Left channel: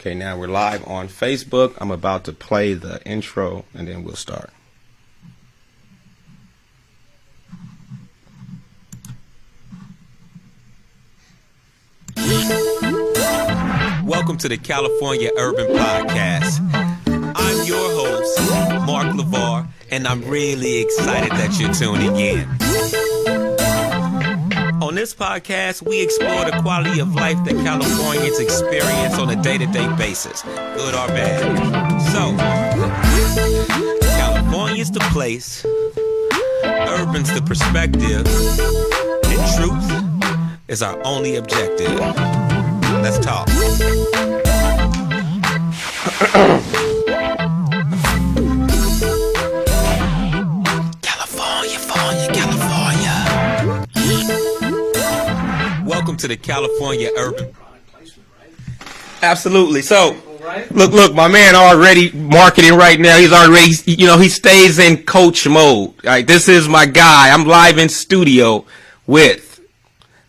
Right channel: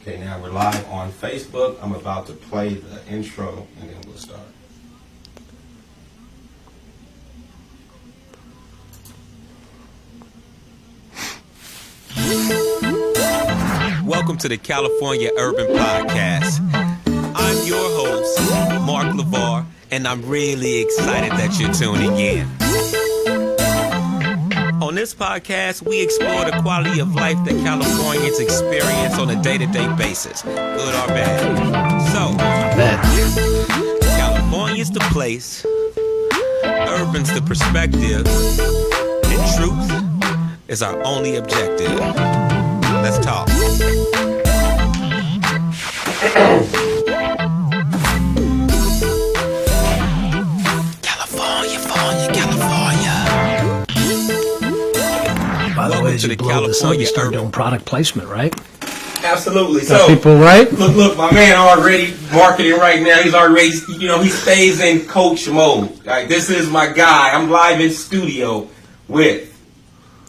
Okay, now we're live on Facebook. I'm about to play the intro and then we'll start. Welcome to the California Urban Podcast. I'm your host, Mark LeVar, and I'm really excited that you're tuning in. On this podcast, we explore the quality of life that Californians experience on a day-to-day basis, good or bad. So, California's the place, urban's the perspective, and truth is our only objective. Let's talk. Welcome to the California Urban Product Placement, right? Absolutely. So, people, right? Look, my man already marketing right now. He's already, he stays in coach mode. Like, this is my guy. I'm live in studio with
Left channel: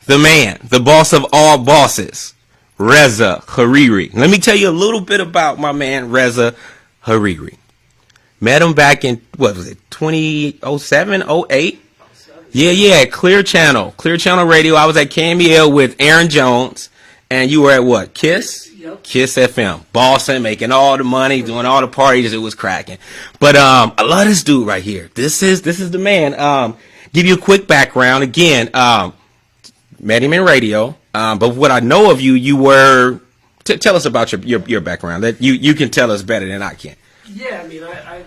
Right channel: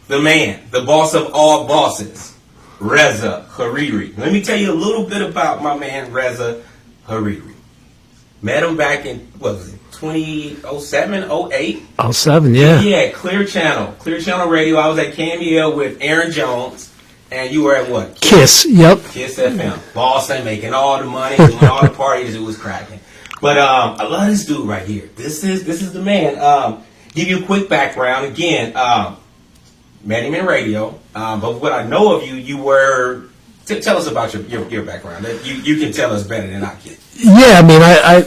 the man, the boss of all bosses, Reza Hariri. Let me tell you a little bit about my man, Reza Hariri. Met him back in, 2007, 08? 07, yeah. Yeah, Clear Channel Radio. I was at KMEL with Aaron Jones, and you were at what? Kiss, yep. Kiss FM. Bossing, making all the money, doing all the parties. It was cracking. But I love this dude right here. This is the man. Give you a quick background. Again, met him in radio. But what I know of you, you were... tell us about your background. That you can tell us better than I can. Yeah, I mean, I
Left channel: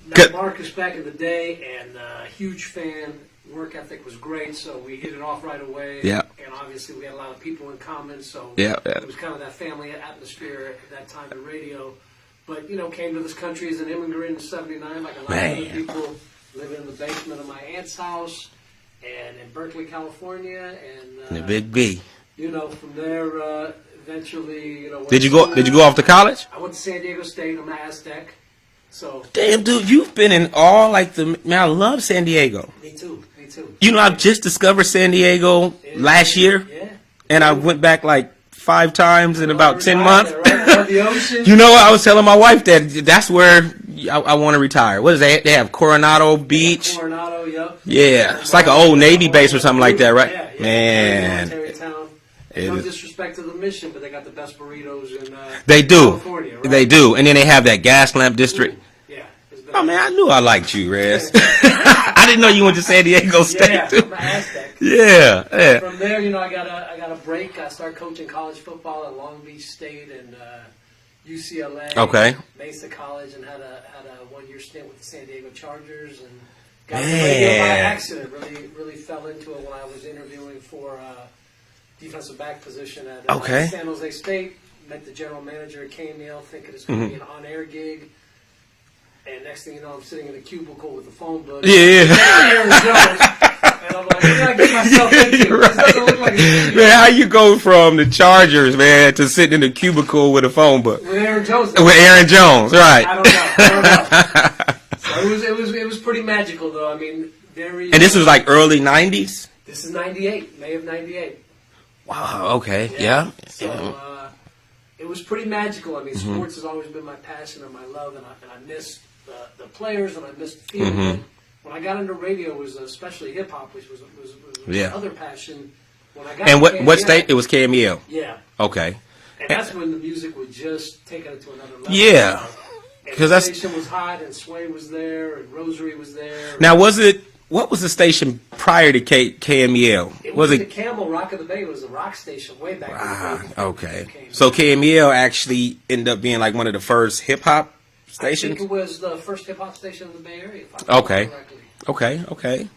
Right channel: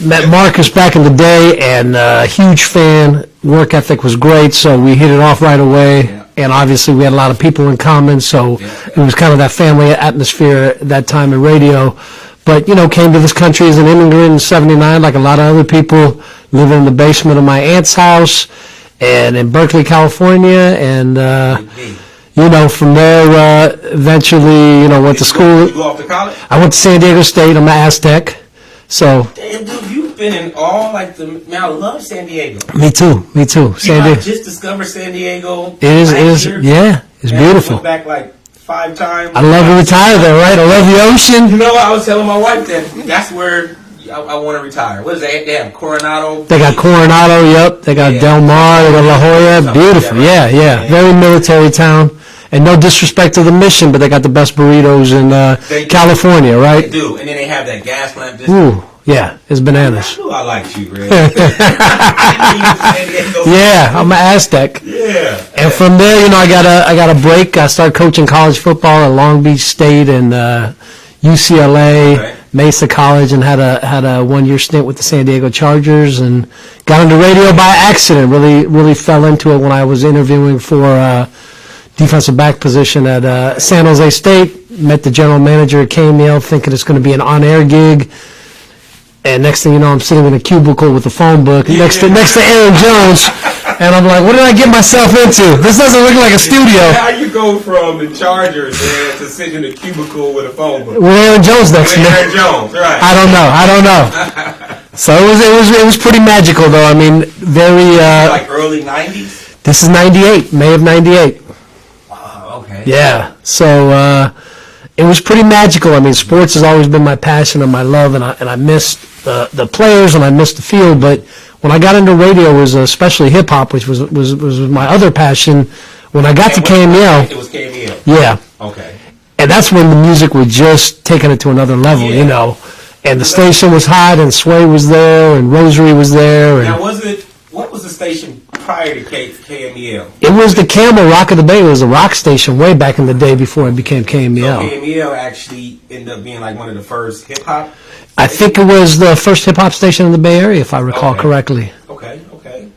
met Marcus back in the day, and huge fan. Work ethic was great, so we hit it off right away. Yeah. And obviously, we had a lot of people in common, so it was kind of that family atmosphere at that time in radio. But, came to this country as an immigrant in 79, like a lot of other people, living in the basement of my aunt's house, and in Berkeley, California, and... from there, eventually, went to school. Did you go off to college? I went to San Diego State. I'm an Aztec. So. Damn, dude, you've been in all, I love San Diego. Me too. I just discovered San Diego last year. Yeah, it's and beautiful. I went back 5 times. I love to retire there, right? I love the ocean. You know what? I was telling my wife that's where I want to retire. What is that? They have Coronado Beach. They got Coronado, yep. They got Del Mar, they got La Jolla. Beautiful. That, right? Yeah. Very military town. And no disrespect to the mission, but they got the best burritos in California, right? They do. And then they have that gas lamp district. Ooh, yeah, it's bananas. I knew I liked you, Red. I didn't know you went to San Diego State. Yeah, I'm an Aztec. Yeah. And from there, I got a break. I started coaching college football at Long Beach State and UCLA, Mesa College, and had a 1-year stint with the San Diego Chargers, and got into radio by accident. Really fell into it when I was interviewing for defensive back position at San Jose State. Met the general manager at KMEL, thinking it's going to be an on-air gig. And next thing you know, I'm sitting in a cubicle with a phone book next to Aaron Jones. And I'm like, what did I get myself into? This doesn't look like a studio. Yeah, how you go from the Chargers, man, to sitting in a cubicle with a phone book? With Aaron Jones next to me. Aaron Jones, right. I don't know. So it was pretty magical, though. I mean, very... And this is early 90s? This is 98, May of 98. Okay. Yeah. So it was pretty magical. I mean, sports has always been my passion and my love, and I missed the players and I missed the field. But when I got into radio, it was especially hip hop, which was my other passion. When I got to KMEL, it was KMEL. Yeah. Okay. And that's when the music was just taking it to another level, And the station was hot, and Sway was there, and Rosary was there. Now, what was the station prior to KMEL? It was the Camel Rock of the Bay. It was a rock station way back in the day before it became KMEL. So KMEL actually ended up being one of the first hip-hop stations? I think it was the first hip-hop station in the Bay Area, if I recall correctly. Okay.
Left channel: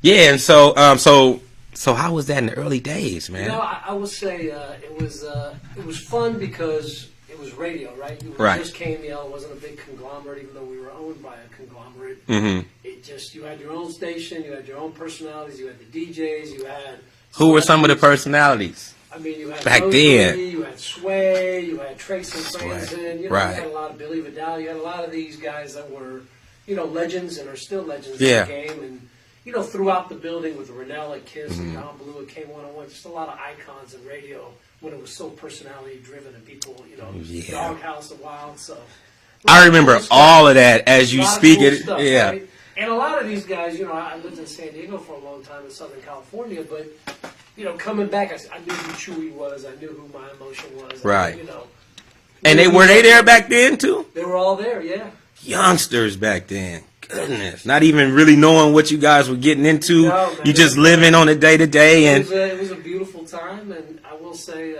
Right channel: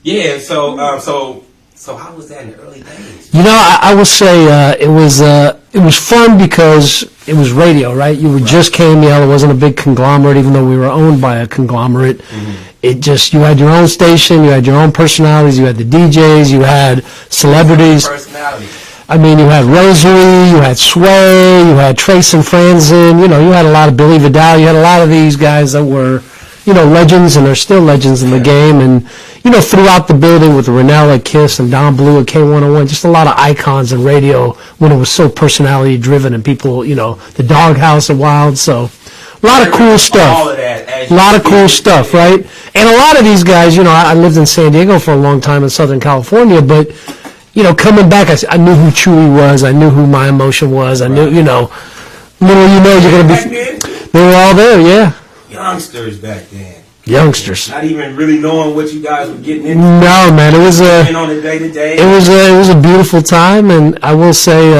Yeah, so how was that in the early days? I will say it was fun because it was radio, right? You were just KMEL. It wasn't a big conglomerate, even though we were owned by a conglomerate. Mm-hmm. You had your own station, you had your own personalities, you had the DJs, you had celebrities. Some of the personalities? I mean, you had Rosary, you had Sway, you had Trace and Franzen, you had a lot of Billy Vidal, you had a lot of these guys that were legends, and they're still legends in the game. And, throughout the building with Rennell at KISS and Don Blue at K101, just a lot of icons in radio when it was so personality driven and people, the Doghouse at Wild. So a lot of cool stuff. All of that as you a lot of cool stuff, right? And a lot of these guys, I lived in San Diego for a long time in Southern California, but coming back, I knew who Chewy was. I knew who My Emotion was. I knew, And they were there back then, too? They were all there, yeah. Youngsters back then. Youngsters. Not even really knowing what you guys were getting into. No, man. Just living on a day-to-day. It was a beautiful time, and I will say,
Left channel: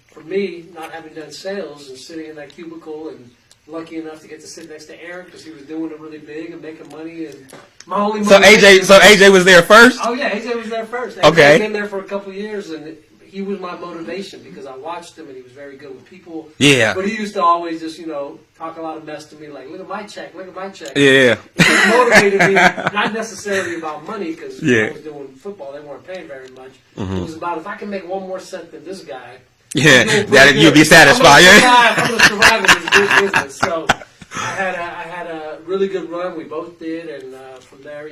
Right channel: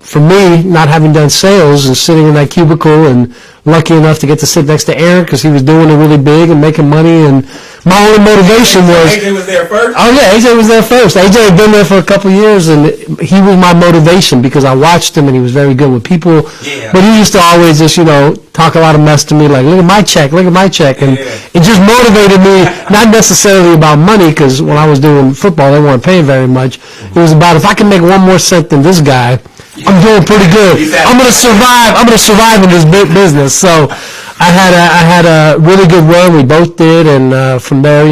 for me, not having done sales and sitting in that cubicle and lucky enough to get to sit next to Aaron because he was doing it really big and making money, and my only motivation was... AJ was there first? Oh, yeah, AJ was there first. AJ had been there for a couple of years, and he was my motivation because I watched him, and he was very good with people. Yeah. But he used to always just, talk a lot of mess to me, like, look at my check. And it just motivated me, not necessarily about money, because when I was doing football, they weren't paying very much. It was about, if I can make one more cent than this guy, I'm doing pretty good. I'm going to survive. I'm going to survive in this big business. So I had a really good run. We both did, and from there,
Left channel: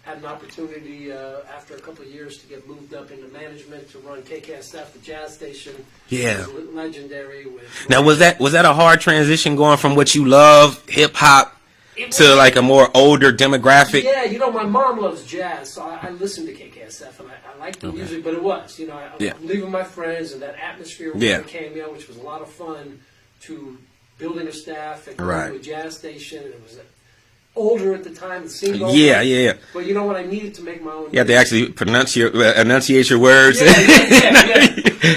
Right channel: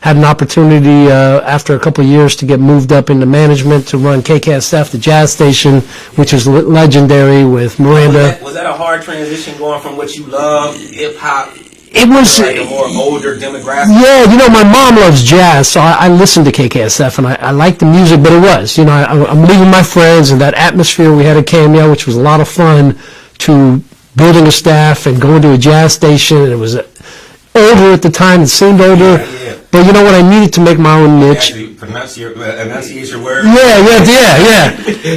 had an opportunity after a couple of years to get moved up into management to run KKSF, the jazz station, which is legendary with Miranda. Now, was that a hard transition going from what you love, hip hop? It was to like a more older demographic. Yeah, my mom loves jazz, so I listened to KKSF and I liked the music. But it was, I'm leaving my friends and that atmosphere we had at KML, which was a lot of fun, to building a staff and going to a jazz station. And it was older at the time; it seemed older. Yeah. But you know what? I needed to make my own niche. You actually enunciate your words. Yeah.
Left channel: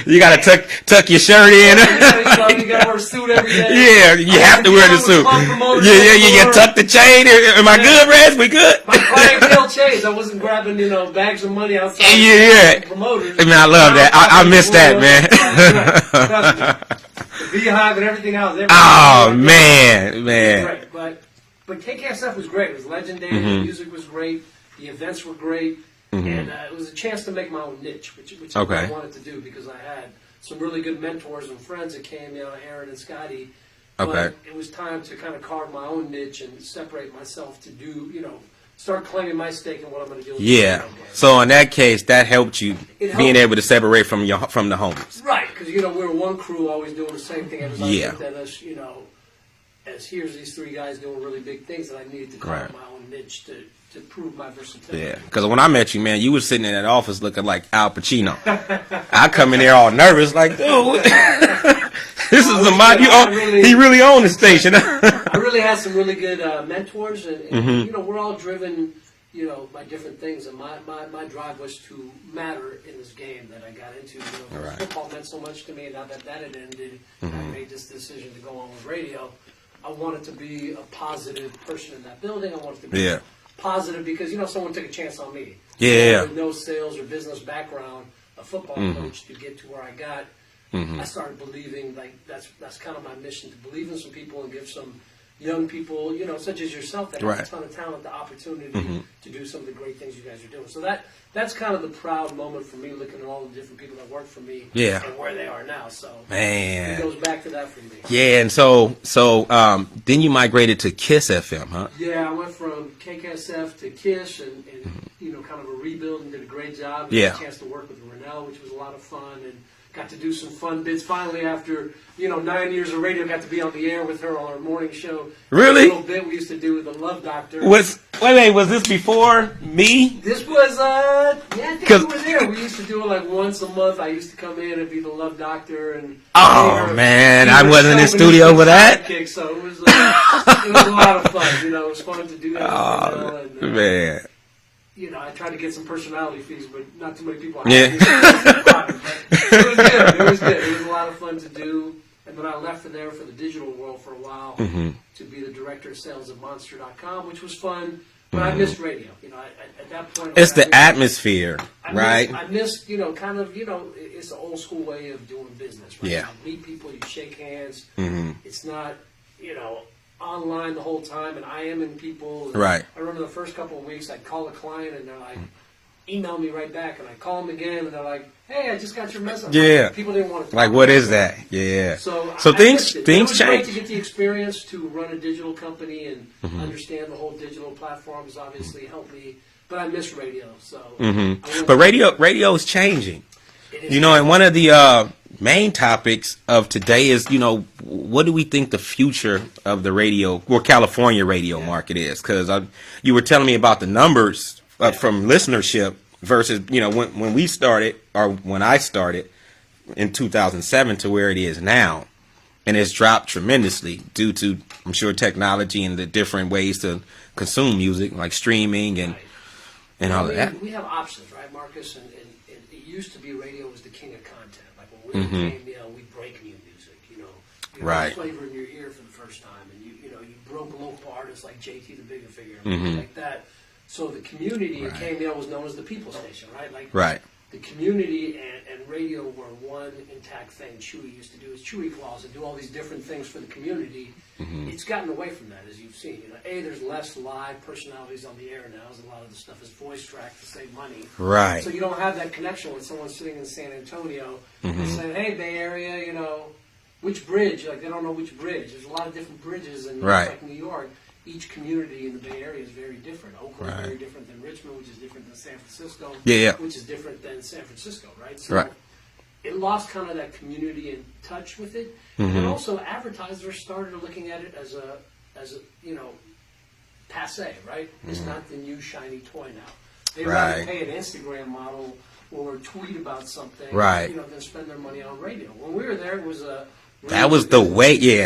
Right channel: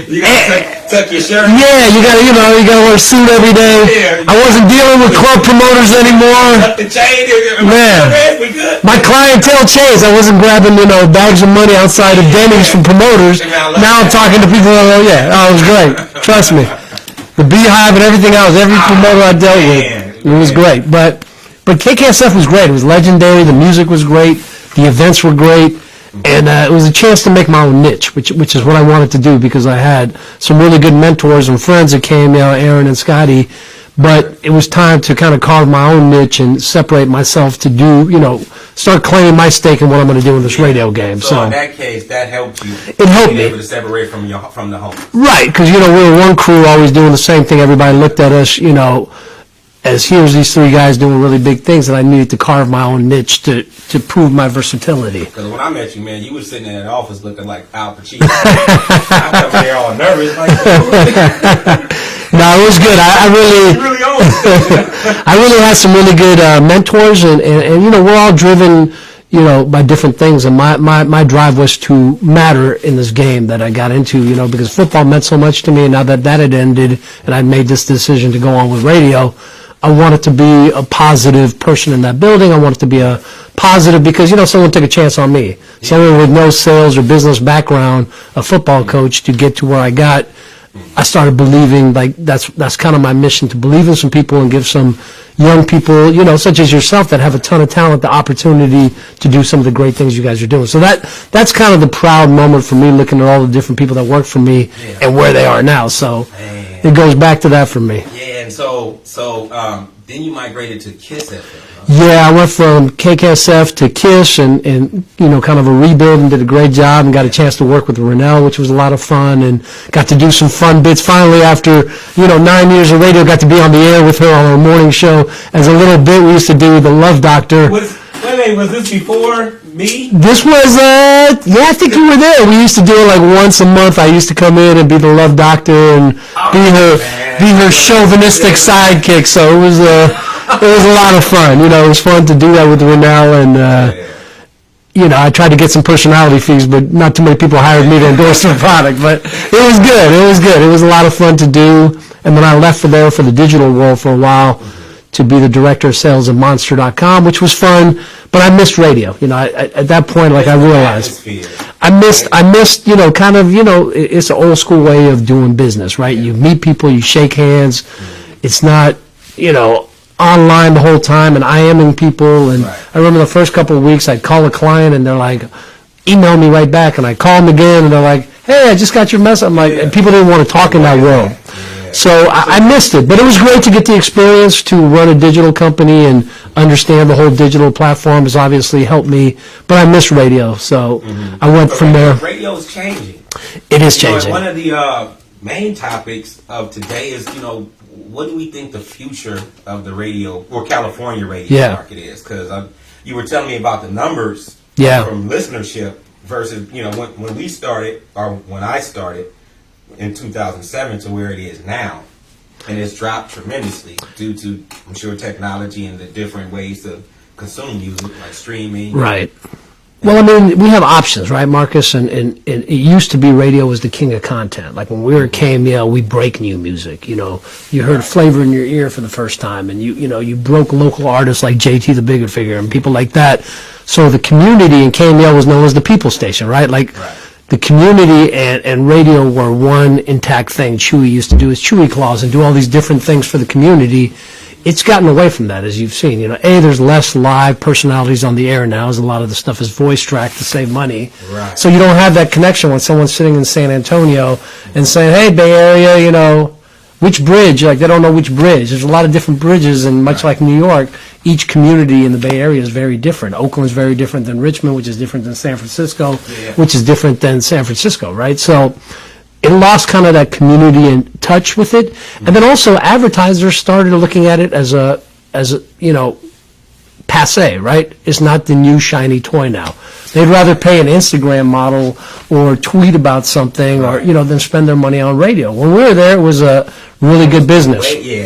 You gotta tuck your shirt in. Yeah, you gotta wear a suit every day. Yeah, I wasn't dealing with club promoters anymore. You tuck the chain. Am I good, Rez? We good? My clientele changed. I wasn't grabbing bags of money outside of dinners from promoters. Man, I love now that. I'm talking to people. It was great. Trust me. The Beehive and everything else, every promoter I dealt with, it was great. But KKSF was great. It was legendary. The music was great. The events were great. And it was a chance to make my own niche, which is what I wanted to do because I had some really good mentors and friends at KML, Aaron and Scotty. But it was time to kind of carve my own niche and separate myself to do, start claiming my stake in what I'm going to do in this radio game. So in that case, that helped you being able to separate from the homies. Right, because, we were one crew always doing the same thing. Everybody looked at us, as here's these three guys doing really big things, and I needed to carve my own niche to prove my versatility. Because when I met you, man, you were sitting in that office looking like Al Pacino. I come in there all nervous, like, No, it was good. He really owns the station. I really had some really good mentors, and we're all driven, by different things. And my drive was to matter in this game that I got into, because football meant so much to me. And now that had ended, and I'd made this decision to go on with radio, I wanted to be a positive person in that building. I wanted to be a positive because, someone took a chance on me. Someone with no sales or business background, a football coach, to get to where I got. I started believing, like, that's kind of my mission, to believe in some people and give some young people, such as yourself, that have a ton of talent, the opportunity to do some of the great things you guys are doing. So that's kind of the proud moment for me, looking at all the different people that work for me and where they are now. So it goes back to that for me. Yeah, and so then you migrated to KISS FM, huh? Yeah, I went from KKSF to KISS and kind of a rebuild, and did a great job, and got a chance to work with Rennell, which was a lot of fun, and got to do some fun bits. Finally, after 9 years of radio, got to be on the air with her on her morning show as a little bit we used to do with the Love Doctor. Was this before me? This was, I think you were there. We used to do it like once a month. I used to come in and be the Love Doctor and be her chauvinistic sidekick. So it was a lot of fun. It was fun to do that with Rennell, and I tried to get some personality fees, but not too many people hired me to endorse their product. But it was good. It was a lot of fun to do. And then I left for the digital world for a while to be the director of sales at Monster.com, which was fun. But I missed radio. At that point, I realized. Atmosphere. I missed, kind of, it's an old school way of doing business, right? Yeah. You meet people, you shake hands. It's not, online the whole time and IMing people. And I remember the first couple of weeks I'd call a client and they're like, email me right back, and I call them again and they're like, hey, I just got your message. I'm like, and people didn't want to talk in that world. So I missed it, but it was great to get the experience to run a digital company and understand the whole digital platform has obviously helped me. But I miss radio, so I went from there. Radio is changing. It is changing. One of the main topics of today is, what do we think the future of the radio, or California radio market is? Because you were telling me about the numbers from listenership versus, when we started, or when I started in 2007 to where it is now. And it's dropped tremendously due to, I'm sure, technology and the different ways to consume music, like streaming. Right. Well, I mean, we have options, right, Marcus? And it used to be radio was the king of content. Like when we were at KMEL, we break new music. You heard flavor in your ear for the first time, and you broke local artists like JT the Bigger Figure and people like that. So the community in KMEL was known as the people station, right? The community and radio were one intact thing. Chewy used to do his Chewy Claws and do all these different things for the community. It's gotten away from that, as you've seen. There's less live personalities on the air now, as a lot of the stuff is voice tracked to save money. Right. So you don't have that connection when someone's sitting in San Antonio and saying, "Hey, Bay Area, which bridge?" Like they don't know which bridge. There's a lot of different bridges, and much like New York, each community in the Bay Area is very different. Oakland's very different than Richmond, which is different than San Francisco, which is different than San Francisco, right? So it lost kind of that community in touch with it. And then also advertisers started looking at it as a passe, right? It's not the new shiny toy now. They'd rather pay an Instagram model or tweet about something or, than spend their money on radio. When we were there, it was a really good business.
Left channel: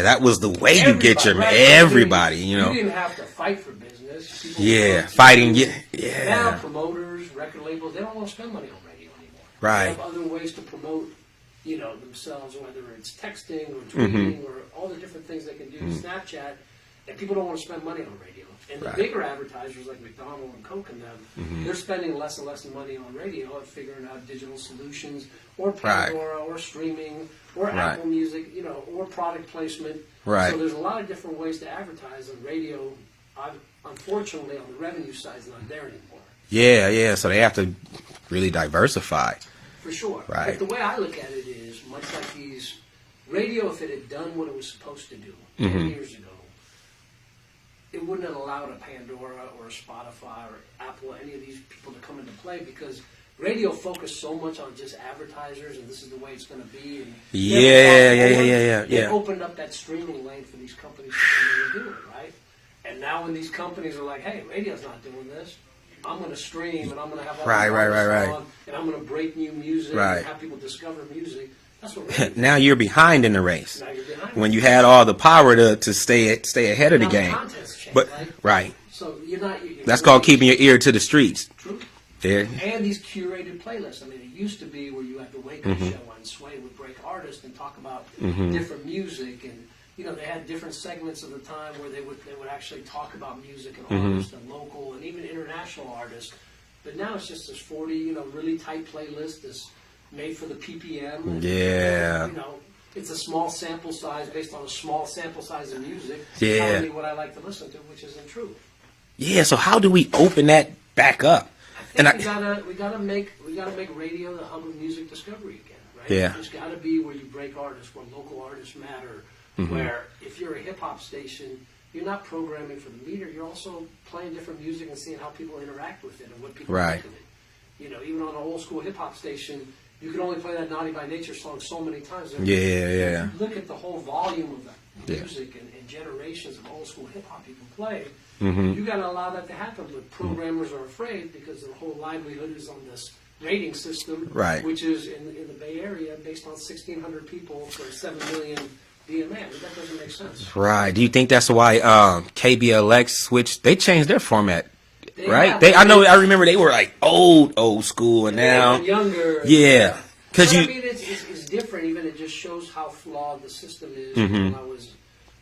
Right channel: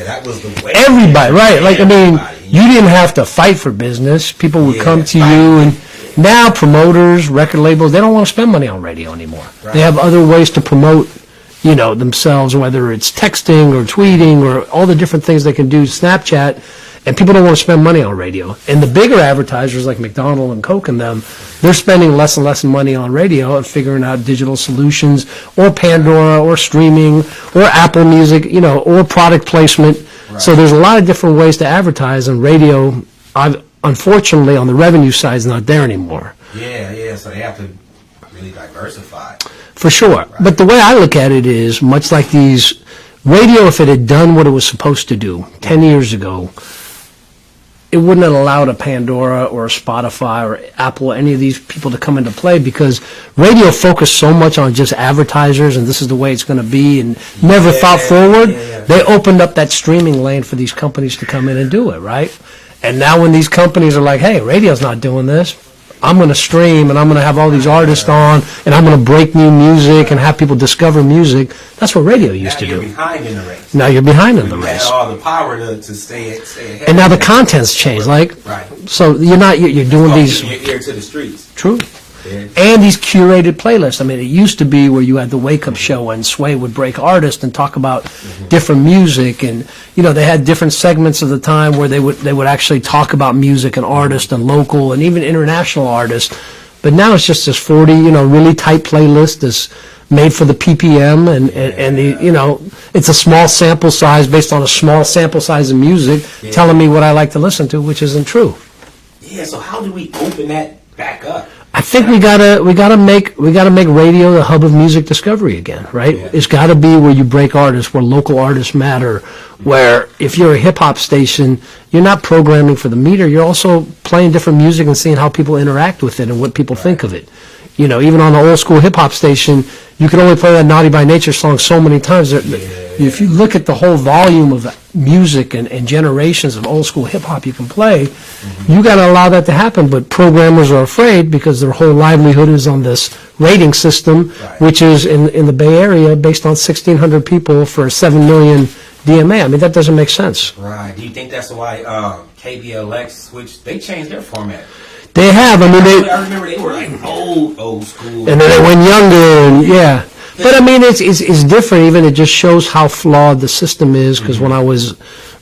That was the way. Everybody, right. You didn't have to fight for business. People would come to you. And now promoters, record labels, they don't want to spend money on radio anymore. Right. They have other ways to promote, themselves, whether it's texting or tweeting or all the different things they can do, Snapchat. And people don't want to spend money on radio. And the bigger advertisers like McDonald's and Coke and them, they're spending less and less money on radio and figuring out digital solutions or Pandora or streaming or Apple Music, or product placement. Right. So there's a lot of different ways to advertise, and radio, unfortunately, on the revenue side, is not there anymore. Yeah. So they have to really diversify. For sure. Right. But the way I look at it is much like these radio, if it had done what it was supposed to do 10 years ago, it wouldn't have allowed a Pandora or a Spotify or Apple, any of these people to come into play, because radio focused so much on just advertisers and this is the way it's going to be and never thought forward. They opened up that streaming lane for these companies to come in and do it, right? And now when these companies are like, hey, radio's not doing this, I'm going to stream and I'm going to have all these artists on and I'm going to break new music and have people discover music. That's what radio used to do. Now you're behind in the race. Now you're behind in the race. When you had all the power to stay ahead. And now the content's changed. So you're doing these. Keeping your ear to the streets. True. And these curated playlists. I mean, it used to be where you had the Wake Up Show and Sway would break artists and talk about different music, and they had different segments of the time where they would actually talk about music and artists and local and even international artists. But now it's just this 40 really tight playlist that's made for the PPM and it's a small sample size based on a small sample size of music telling me what I like to listen to, which isn't true. Yeah. So how do we open that back up? I think we gotta make radio the hub of music discovery again, right? Yeah. It's got to be where you break artists, where local artists matter. Where if you're a hip hop station, you're not programming for the meter. You're also playing different music and seeing how people interact with it and what people think of it. Even on an old school hip hop station, you can only play that Naughty by Nature song so many times. If you look at the whole volume of music and generations of old school hip hop you can play, you got to allow that to happen. But programmers are afraid because their whole livelihood is on this rating system, which is in the Bay Area based on 1,600 people for 7 million DMA. I mean, that doesn't make sense. Right. Do you think that's why KBLX switched? They changed their format. They have. I remember they were like old school. And then they went younger. But I mean, it's different. Even it just shows how flawed the system is. Because when I was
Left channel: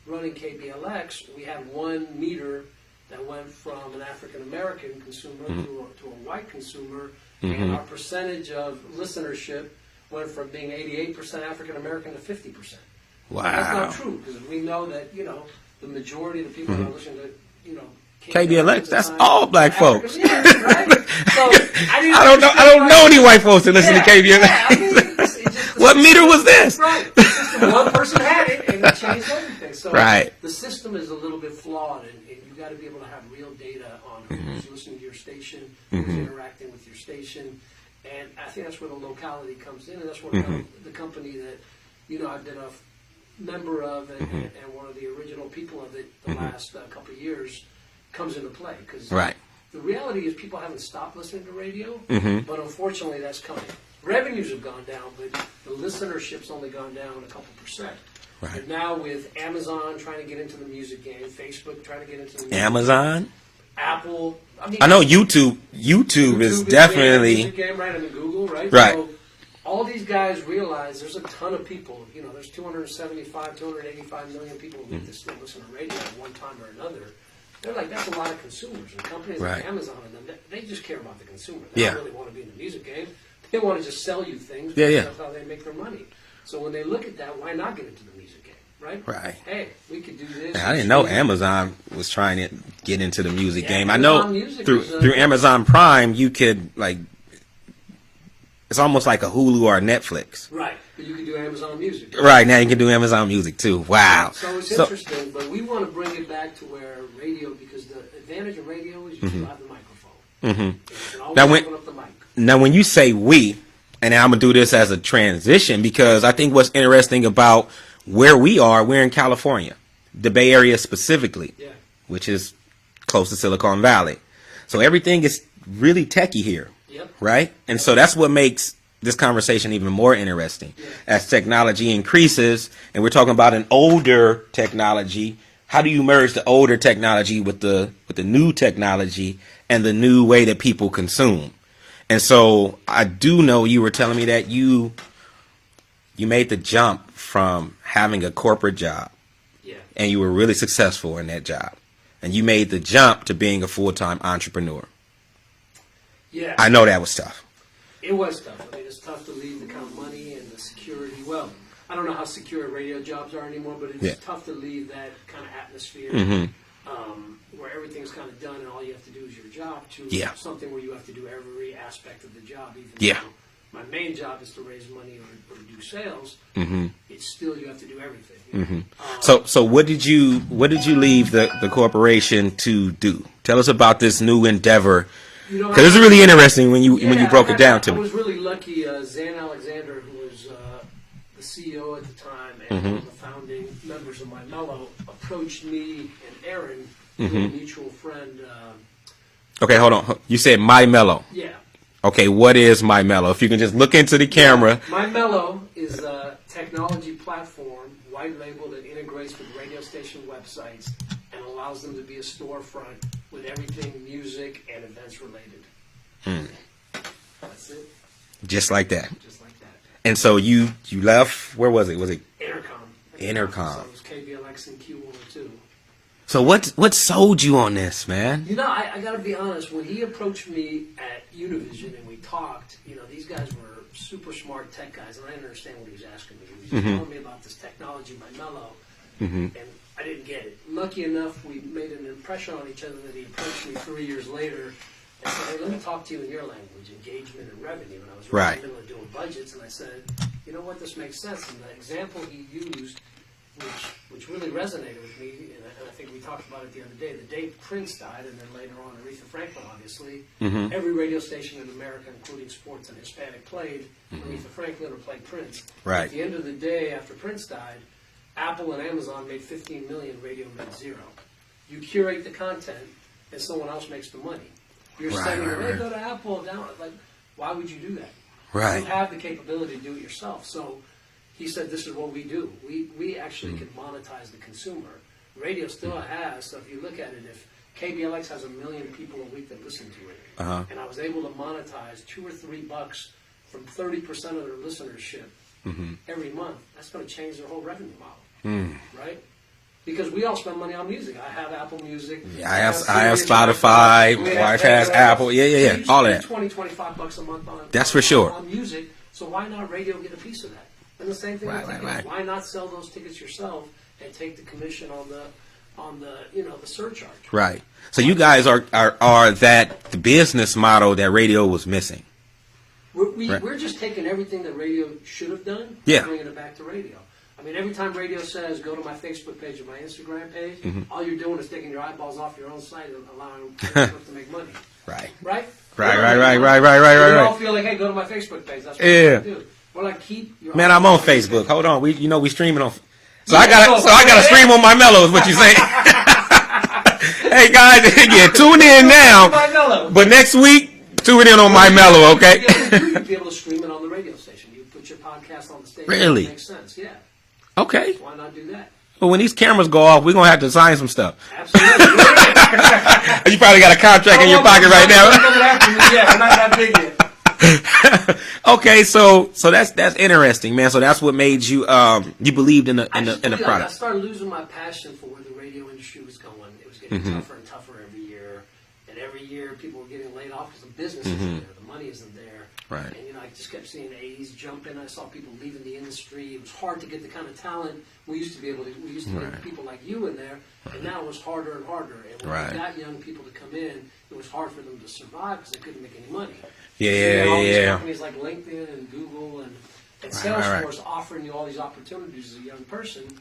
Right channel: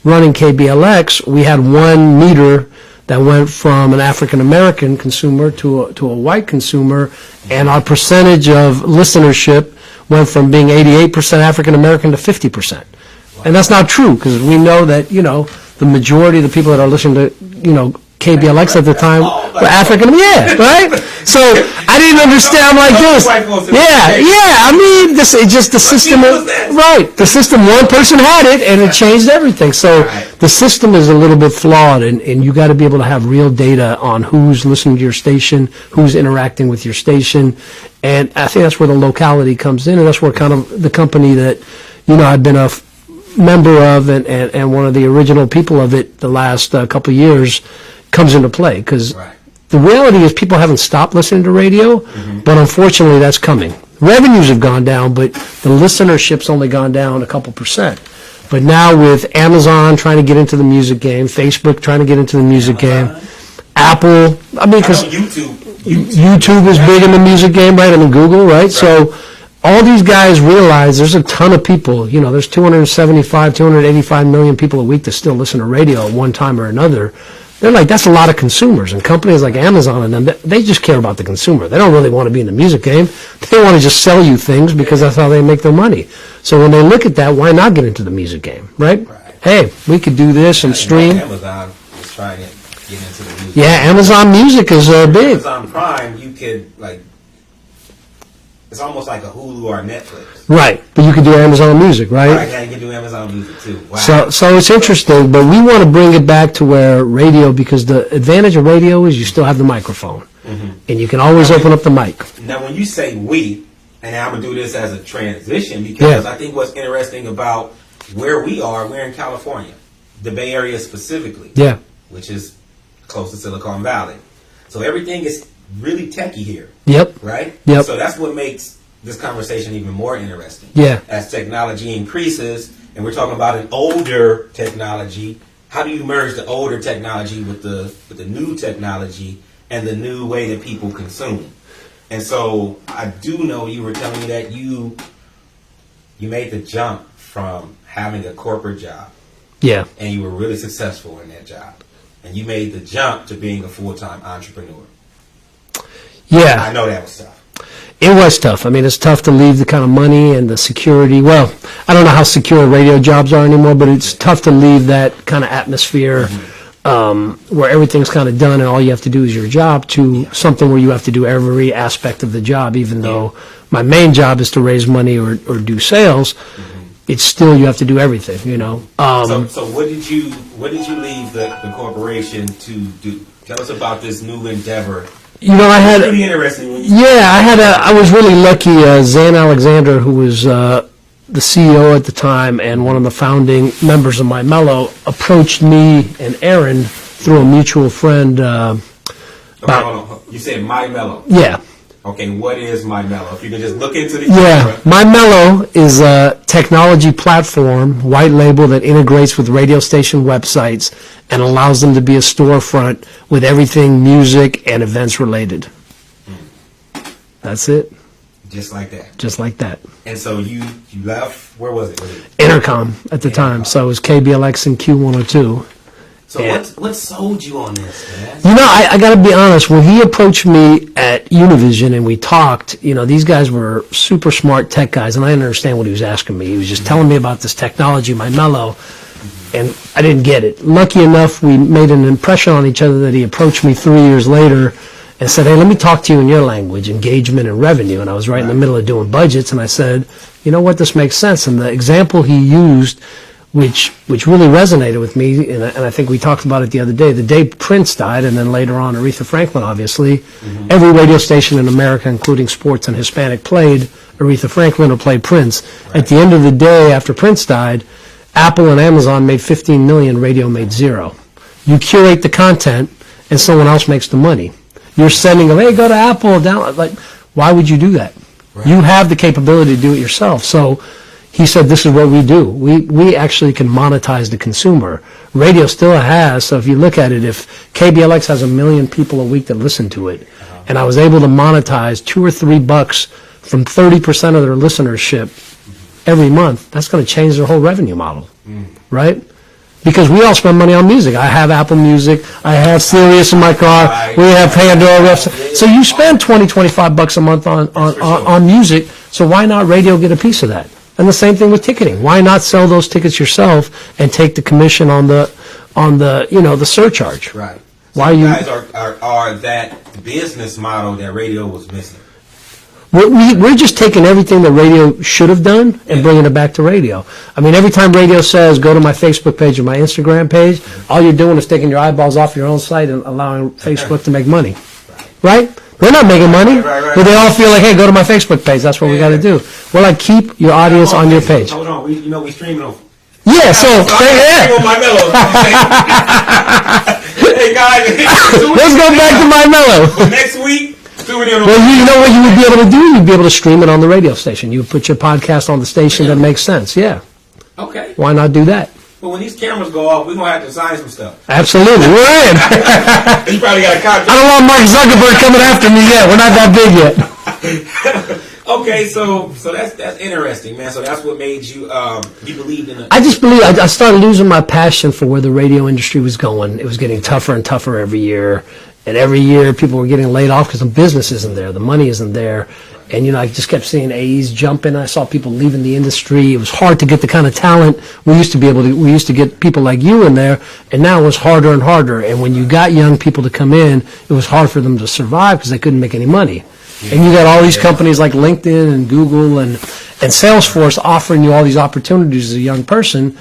running KBLX, we had one meter that went from an African American consumer to a white consumer, and our percentage of listenership went from being 88% African American to 50%. Wow. And that's not true, because we know that the majority of the people that are listening to KBLX at the time all were black African. Yeah, right. So I didn't I don't understand. know I'm like, any this. white folks that listen to Yeah, KBLX. yeah. I mean, this it's just the What system. meter was this? Right. The system. One person had it, and it changed everything. So Right. the system is a little bit flawed, and you got to be able to have real data on who's listening to your station, who's interacting with your station, and I think that's where the locality comes in, and that's where kind of the company that, I've been a member of and one of the original people of it the last couple of years comes into play, because Right. the reality is people haven't stopped listening to radio, but unfortunately that's coming. Revenues have gone down, but the listenership's only gone down a couple percent. But now with Amazon trying to get into the music game, Facebook trying to get into the music game, Amazon? Apple, I know 'cause YouTube YouTube is big in the definitely- music game, right? I mean, Google, right? So all these guys realize there's a ton of people, there's 275, 285 million people a week that still listen to radio at one time or another. They're like, that's a lot of consumers. And companies like Amazon and them, they just care about the consumer. They don't really want to be in the music game. They want to just sell you things because that's how they make their money. So when they look at that, why not get into the music game, right? Right. Hey, we could do this and I didn't know stream. Amazon was trying to get into the music. Yeah, I know Amazon Music is through big. Amazon Prime, you could it's almost like a Hulu or a Netflix. Right, but you could do Amazon Music, right? Right now, you can do Amazon Music too. Wow. So it's interesting, but we want to bring it back to where radio, because the advantage of radio is you still have the microphone, and you can always Now, wait. open up the mic. Now, when you say we, and I'm gonna do this as a transition, because Yeah. I think what's interesting about where we are, we're in California, the Bay Area specifically, Yeah, which is close to Silicon Valley. So everything is really techie here, yep, right? Yep. So that's what makes this conversation even more interesting. Yeah. As technology increases, and we're talking about an older technology, how do you merge the older technology with the new technology and the new way that people consume? And so I do know you were telling me that you made the jump from having a corporate job, yeah, and you were really successful in that job, and you made the jump to being a full-time entrepreneur. yeah. I know that was tough. It was tough. I mean, it's tough to leave the kind of money and the security. Well, I don't know how secure radio jobs are anymore, but it's tough to leave that kind of atmosphere where everything's kind of done and all you have to do is your job to something where you have to do every aspect of the job, even though my main job is to raise money or do sales. It's still, you have to do everything, So what did you leave the corporation to do? Tell us about this new endeavor. I It was had really interesting when you. I was really lucky. Zan Alexander, who was the CEO at the time and one of the founding members of My Mellow, approached me and Aaron through a mutual friend. Okay, hold on. You said My Mellow. Yeah. Okay, what is My Mellow? If you can just look into the camera. My Mellow is a technology platform, white label, that integrates with radio station websites and allows them to be a storefront with everything music and events related. That's it. Just like that. Just like that. And so you left. Where was it? Was it? Intercom at the time, Intercom. so it was KBLX and Q102. So Yeah. what sold you on this, man? I got to be honest. When he approached me at Univision and we talked, these guys were super smart tech guys, and I didn't understand what he was asking me. He was just telling me about this technology, My Mellow, and I didn't get it. Lucky enough, we made an impression on each other that he approached me 3 years later and said, hey, let me talk to you in your language, engagement and revenue. And I was right in the Right. middle of doing budgets, and I said, you know what, this makes sense. And the example he used, which really resonated with me, and I think we talked about it the other day, the day Prince died, and then later on Aretha Franklin, obviously, every radio station in America, including sports and Hispanic, played Aretha Franklin or played Prince. Right. At the end of the day, after Prince died, Apple and Amazon made 15 million, radio made zero. You curate the content, and someone else makes the money. You're sending them, hey, go to Apple, down. Like, why would you do that? Right. You have the capability to do it yourself. So he said, this is what we do. We actually can monetize the consumer. Radio still has, so if you look at it, if KBLX has 1 million people a week that listen to it, and I was able to monetize $2 or $3 from 30% of their listenership every month, that's going to change their whole revenue model, right? Because we all spend money on music. I have Apple Music. I have Sirius in my car. Spotify, We have Pandora. Apple. Yeah, So yeah, you all spend that. $20-25 a month That's for sure. on music. So why not radio get a piece of that? And the same thing with ticketing. Why not sell those tickets yourself and take the commission on the the surcharge? Right. So you guys are that the business model that radio was missing. We're just taking everything that radio should have done and bringing it back to radio. I mean, every time radio says, go to my Facebook page or my Instagram page, all you're doing is taking your eyeballs off your own site and allowing Facebook to make money. Right? We're not making money. But they all feel like, hey, go to my Facebook page. That's what we got to do. Well, like, keep your audience on your page. Hold on. We streaming on. Yeah, I got to stream on my Mellows, what you say? Hey, guys, tune in now. My Mellow. But next week, tune in on well, my Mellow, okay? You'd be able to do? You'd be able to stream it on the radio station. You would put your podcast on the station that makes sense. Yeah. Okay. Why not do that? But when these cameras go off, we're going to have to sign some stuff. Absolutely. We're in. You probably got a contract. I don't want Mike Zuckerberg coming after me yet. We're not that big yet. Okay, so that's interesting, man. So that's what made you you believed in the. I just believe I started losing my passion for where the radio industry was going. It was getting tougher and tougher every year, and every year people were getting laid off because the business isn't there, the money isn't there, and I just kept seeing AEs jumping. I saw people leaving the industry. It was hard to get the kind of talent we used to be able to. We used to get people like you in there, and now it was harder and harder. And when you got young people to come in, it was hard for them to survive because they couldn't make any money. And you got all these companies like LinkedIn and Google and Salesforce offering you all these opportunities as a young person.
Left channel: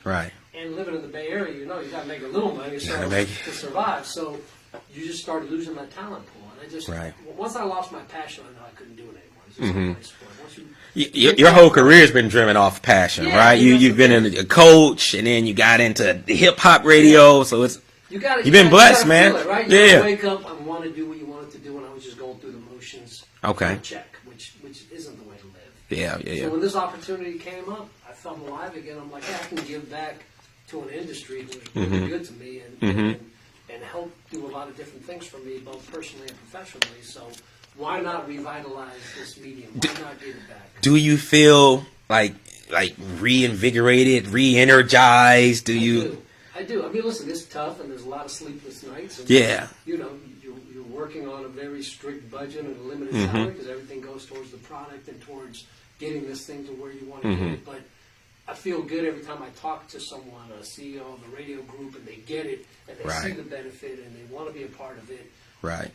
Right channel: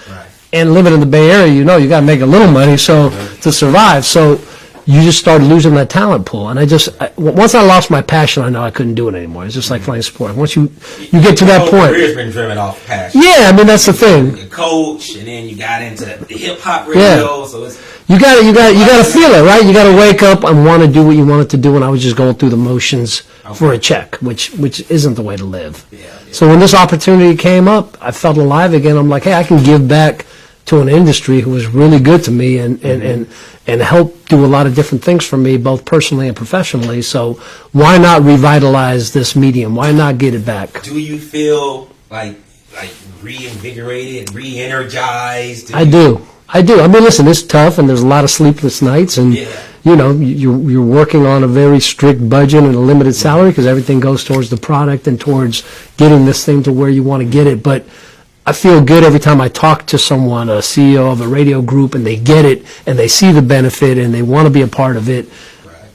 And living in the Bay Area, you got to make a little money to survive. So you just started losing that talent pool. And once I lost my passion, I know I couldn't do it anymore. It's just like playing sport. Once you get to that point. Your career's been driven off passion. Yeah, I mean, that's the thing. A coach, and then you got into the hip hop radio, so it's. You got to feel it, right? You got to wake up and want to do what you wanted to do, and I was just going through the motions for a check, which isn't the way to live. So when this opportunity came up, I felt alive again. I'm like, hey, I can give back to an industry who was really good to me and help do a lot of different things for me, both personally and professionally. So why not revitalize this medium? Why not get it back? Do you feel like reinvigorated, re-energized? I do. I mean, listen, it's tough, and there's a lot of sleepless nights, and you're working on a very strict budget and a limited salary because everything goes towards the product and towards getting this thing to where you want to get it. But I feel good every time I talk to someone, a CEO of a radio group, and they get it, and they see the benefit, and they want to be a part of it.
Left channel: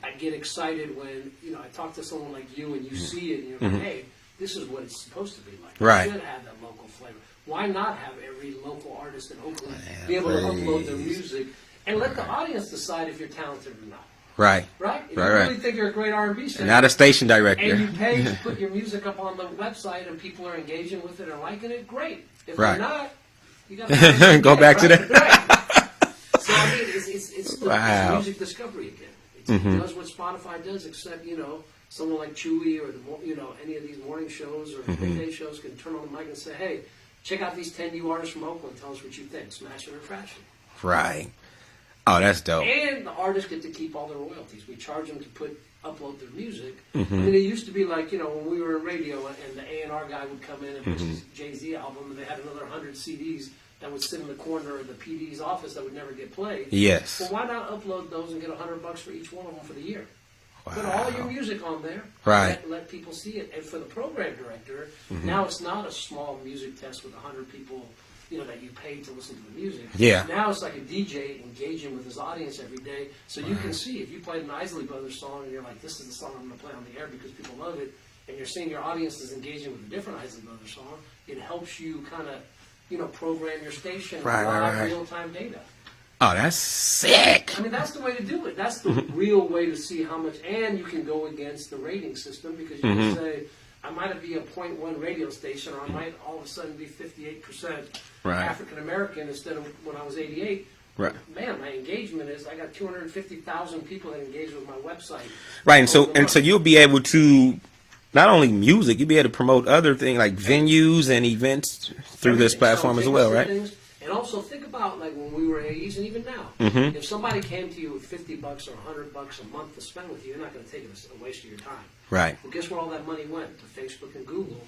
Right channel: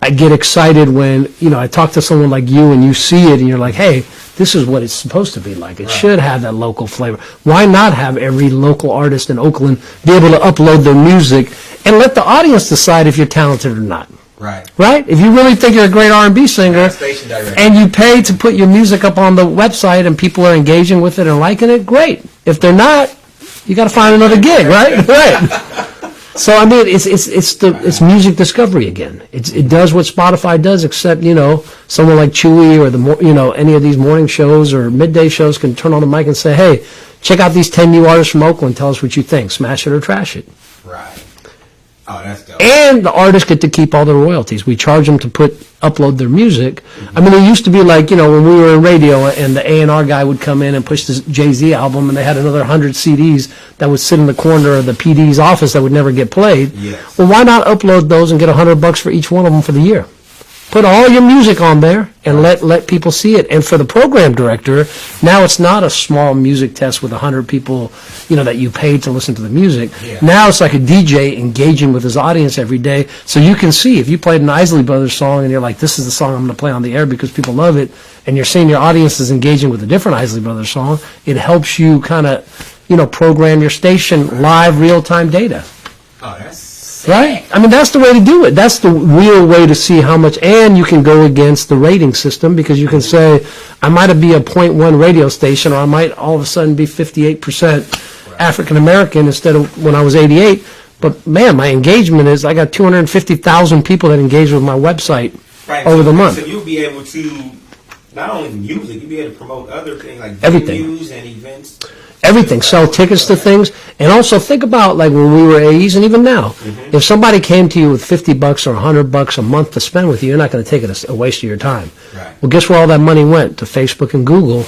I get excited when I talk to someone like you, and you see it, and you're like, hey, this is what it's supposed to be like. It should have that local flavor. Why not have every local artist in Oakland be able to upload their music and let the audience decide if you're talented or not? Right? If you really think you're a great R&B singer, station director, and you pay to put your music up on the website and people are engaging with it and liking it, great. If they're not, you got to find another gig, right? So I mean, it's music discovery again. It does what Spotify does, except someone like Chewy or any of these morning shows or midday shows can turn on the mic and say, hey, check out these 10 new artists from Oakland. Tell us what you think. Smash it or trash it. Oh, that's dope. And the artists get to keep all the royalties. We charge them to upload their music. I mean, it used to be like, when we were in radio and the A&R guy would come in and push this Jay-Z album and they had another 100 CDs that would sit in the corner of the PD's office that would never get played. Well, why not upload those and get $100 for each one of them for the year? Put all your music on there and let people see it. And for the program director, now it's not a small music test with 100 people, that you paid to listen to the music. Now it's like a DJ engaging with his audience every day. So you can see if you played an Isley Brothers song and you're like, this is the song I'm going to play on the air because people love it, and you're seeing your audience is engaging with a different Isley Brothers song, it helps you kind of, program your station live real-time data. Oh, that's sick. Right? I mean, that's the way to do it. That's the real way to see how much, and you can go against the rating system because you can say, I might be a 0.1 radio station, or I might all of a sudden be 58% African American instead of when I was 88. But man, my engagement is, I got 250,000 people that engage with my website over the month. So you'll be able to, not only music, you'll be able to promote other things like venues and events. Everything, sell tickets to things, and also think about like when we were AEs, and even now, if somebody came to you with $50 or $100 a month to spend with you, you're not going to take it as a waste of your time. Well, guess where all that money went? To Facebook and Google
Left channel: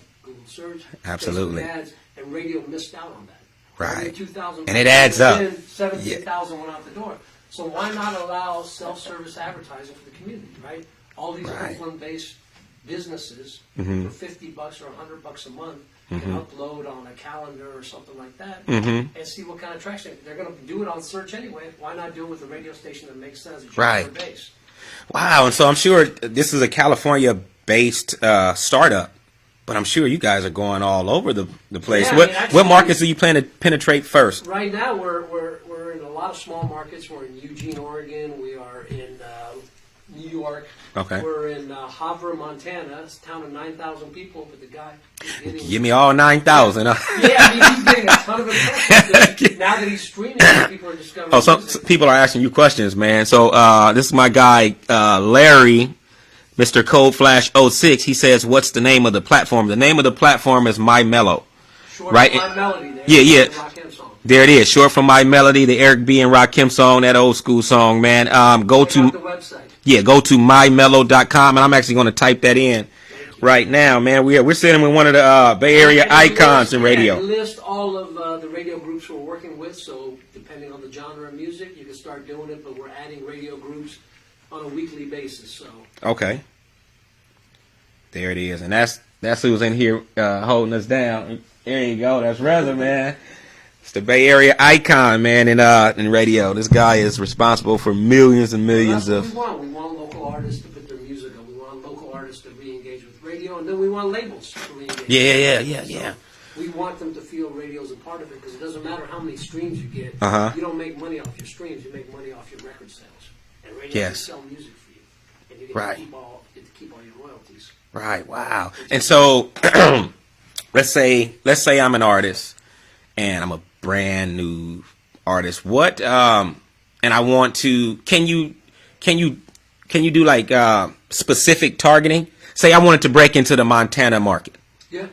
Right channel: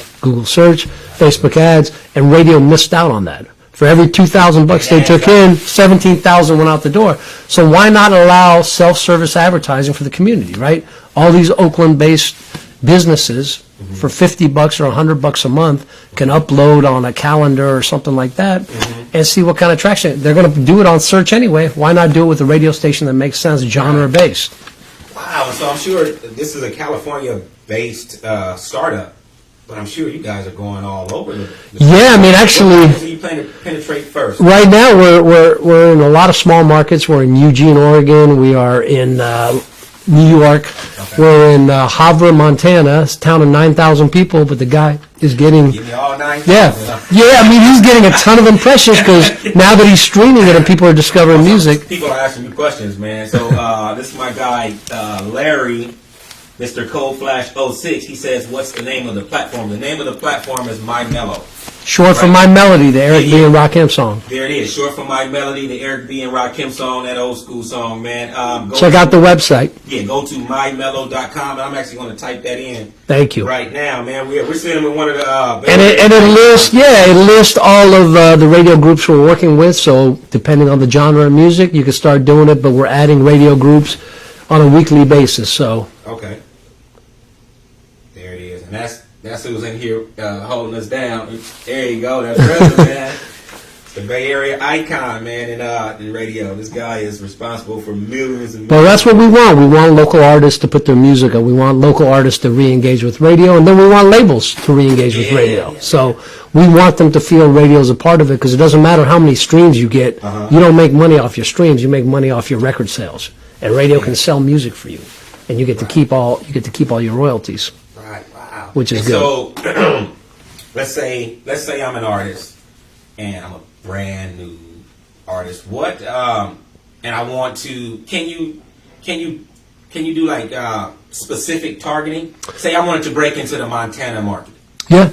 search, Facebook ads, and radio missed out on that. For every $2,000 they took in, 17,000 went out the door. So why not allow self-service advertising for the community, right? All these Oakland-based businesses for $50 or $100 a month can upload on a calendar or something like that and see what kind of traction. They're going to do it on search anyway. Why not do it with a radio station that makes sense, genre-based? Wow, and so I'm sure this is a California-based startup, but I'm sure you guys are going all over the place. Yeah, I mean, actually, what markets are you planning to penetrate first? Right now, we're in a lot of small markets. We're in Eugene, Oregon. We are in New York. Okay. We're in Havre, Montana. It's a town of 9,000 people, but the guy is getting... Give me all 9,000. Yeah, I mean, he's getting a ton of impressions because now that he's streaming it and people are discovering music. People are asking you questions, man. So this is my guy, Larry, Mr. Cold Flash 06. He says, what's the name of the platform? The name of the platform is My Mellow. Short for My Melody, the Eric B. and Rakim song. There it is. Short for My Melody, the Eric B. and Rakim song, that old school song, man. Check out the website. Yeah, go to mymellow.com, and I'm actually going to type that in. Thank you. Right now, man. We're sitting with one of the Bay Area and icons. it lists all of the radio groups we're working with. So depending on the genre of music, you can start doing it. But we're adding radio groups on a weekly basis. So okay, there it is, and that's who's in here holding us down. There you go. That's brother, man. It's the Bay Area icon, man, in radio. This guy is responsible for millions and millions. Well, that's what we want. We want local artists to put their music on. We want local artists to re-engage with radio, and then we want labels to re-engage with radio. So we want them to feel radio is a part of it because it doesn't matter how many streams you get. You don't make money off your streams. You make money off your record sales, and radio can sell music for you, and you get to keep all your royalties. Right. Wow. Which is so. let's say I'm an artist, and I'm a brand new artist. What and I want to. Can you do like specific targeting? Say I wanted to break into the Montana market. Yeah.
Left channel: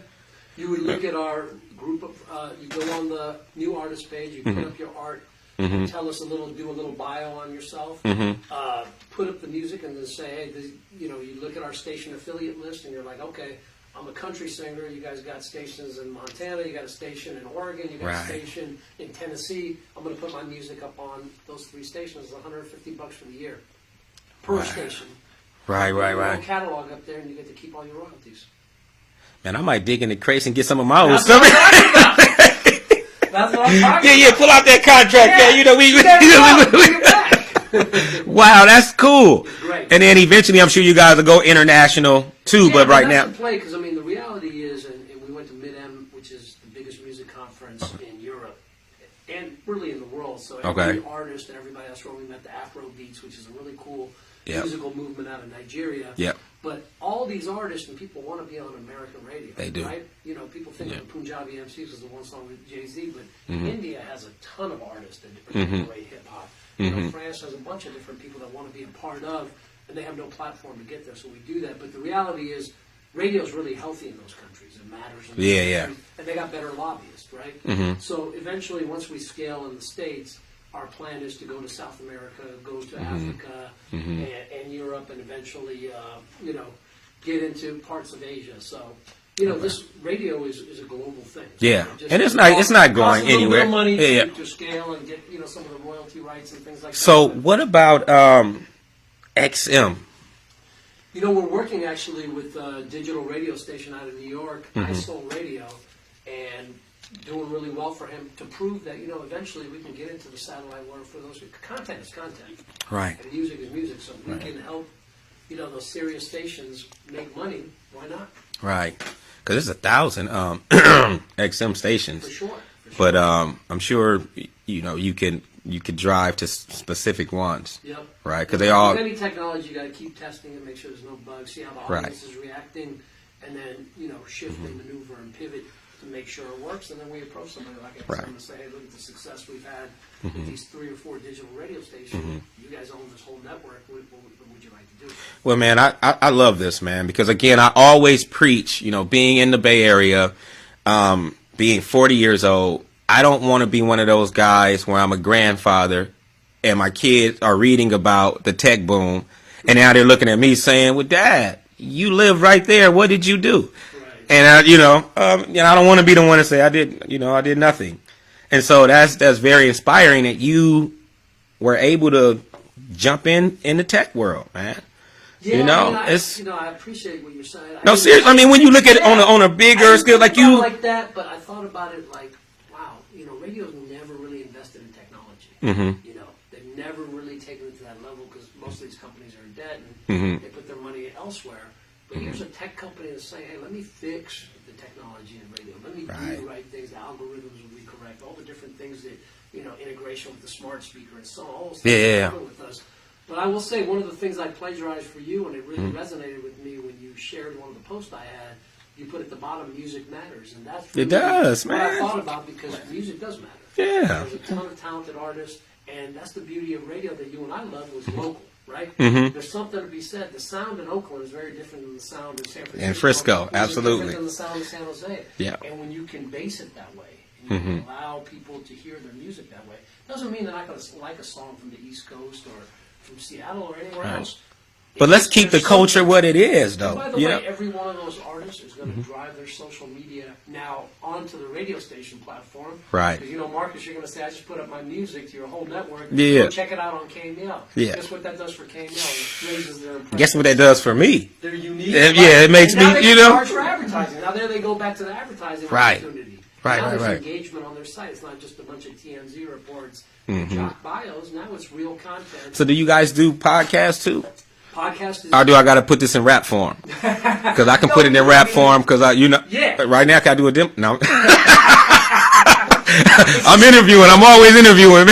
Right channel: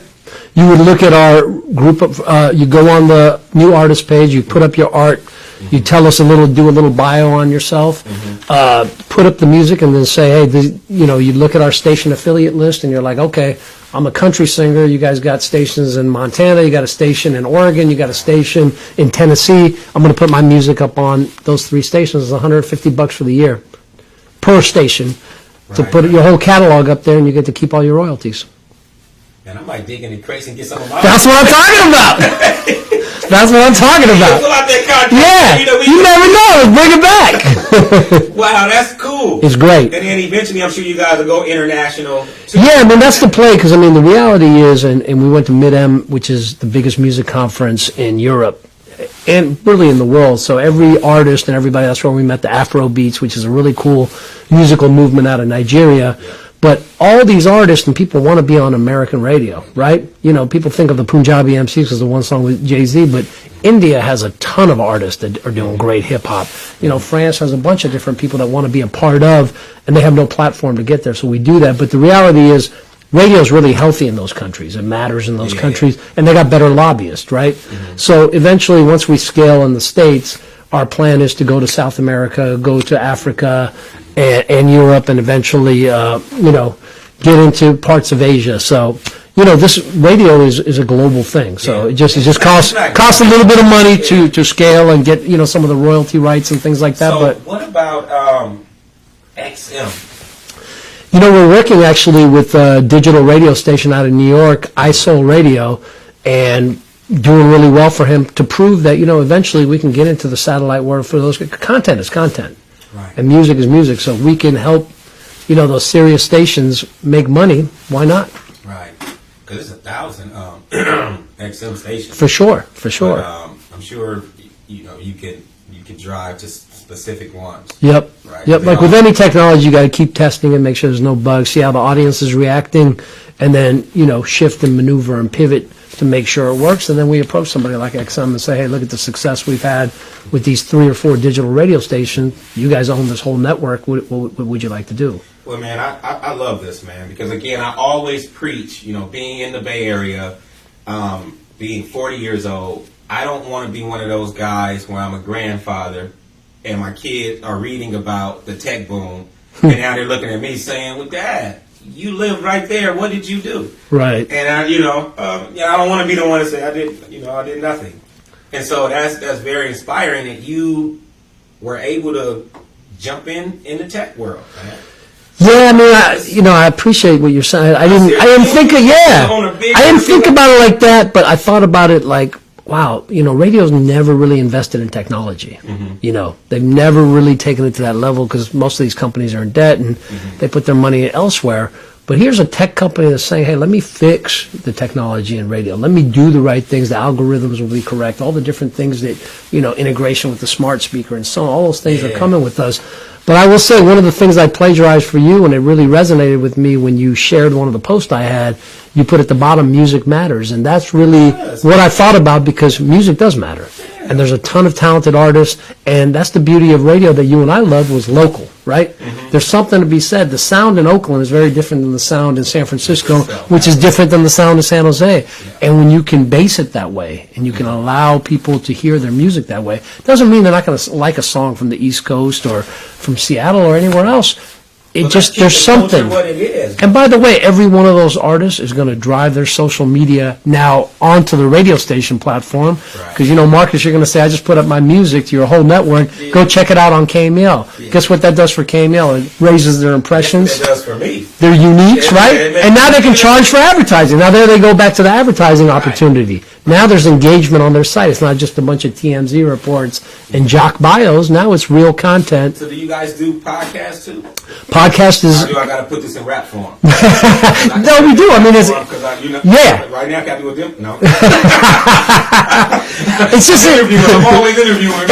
You would look at our group of. You go on the new artist page. You put up your art. You tell us do a little bio on yourself, put up the music, and then say, hey, you look at our station affiliate list, and you're like, okay, I'm a country singer. You guys got stations in Montana. You got a station in Oregon. You got a station in Tennessee. I'm going to put my music up on those 3 stations. It's $150 for the year per station to put your whole catalog up there, and you get to keep all your royalties. Man, I might dig into crates and get some of my. That's what I'm talking about. That's what I'm talking about. Pull out that contract. Yeah, you never know. Bring it back. Wow, that's cool. It's great. And then eventually, I'm sure you guys will go international too. Yeah, but that's the play because, I mean, the reality is, and we went to Mid-Am, which is the biggest music conference in Europe and really in the world. So every artist and everybody, that's where we met the Afro Beats, which is a really cool musical movement out of Nigeria. Yeah. But all these artists and people want to be on American radio, right? People think of the Punjabi MCs because the one song with Jay-Z, but India has a ton of artists that are doing great hip-hop. France has a bunch of different people that want to be a part of, and they have no platform to get there, so we do that. But the reality is radio is really healthy in those countries. It matters in those countries, and they got better lobbyists, right? So eventually, once we scale in the States, our plan is to go to South America, go to Africa and Europe, and eventually, get into parts of Asia. So, this radio is a global thing. So it just costs a little bit of money to scale and get some of the royalty rights and things like that. So what about XM? We're working actually with a digital radio station out of New York, iSoul Radio, and doing really well for him to prove that, eventually we can get into the satellite world for those. Content is content. Right. And music is music. So if we can help, those serious stations make money, why not? Right. Because there's 1,000 XM stations. For sure. But I'm sure, you can drive to specific ones. Yep. Right. Yep. Like with any technology, you got to keep testing and make sure there's no bugs, see how the audience is reacting, and then, shift and maneuver and pivot to make sure it works, and then we approach somebody like XM and say, hey, look at the success we've had with these 3 or 4 digital radio stations. You guys own this whole network. What would you like to do? Well, man, I love this, man, because, again, I always preach, being in the Bay Area, being 40 years old, I don't want to be one of those guys where I'm a grandfather and my kids are reading about the tech boom, and now they're looking at me saying, well, Dad, you live right there. What did you do? Right. And I don't want to be the one to say I did nothing. And so that's very inspiring that you were able to jump in the tech world, man. Yeah, I appreciate what you're saying. I didn't think of I didn't think about it like that, but I thought about it like, wow, radio's never really invested in technology. They've never really taken it to that level because most of these companies are in debt and they put their money elsewhere. But here's a tech company that's saying, hey, let me fix the technology in radio. Let me do the right things. The algorithms will be correct. All the different things that, integration with the smart speaker and so on, all those things are coming with us. But I will say one of the things I plagiarized for you, and it really resonated with me when you shared one of the posts I had, you put at the bottom, music matters. And that's really what I thought about because music does matter. Yeah. And there's a ton of talented artists, and that's the beauty of radio that you and I loved was local, right? There's something to be said. The sound in Oakland is very different than the sound in San Francisco, which is different than the sound in San Jose. Yeah. And when you can base it that way, and you can allow people to hear their music that way, doesn't mean they're not going to like a song from the East Coast or from Seattle or anywhere else. But let's keep the culture what it is. And by the way, every one of those artists is going to drive their social media now onto the radio station platform. Right. Because, Marcus, you're going to say, I just put up my music to your whole network. Yeah. Go check it out on KML. Yeah. Guess what that does for KML? It raises their impressions. Guess what it does for me? They're unique, right? And now they can charge for advertising. Now there they go back to the advertising opportunity. Right. Now there's engagement on their site. It's not just a bunch of TMZ reports and jock bios. Now it's real content. So do you guys do podcasts too? Podcast is. Or do I got to put this in rap form? Because I can put it in rap form because right now I got to do a demo. No. I'm interviewing. I'm always interviewing.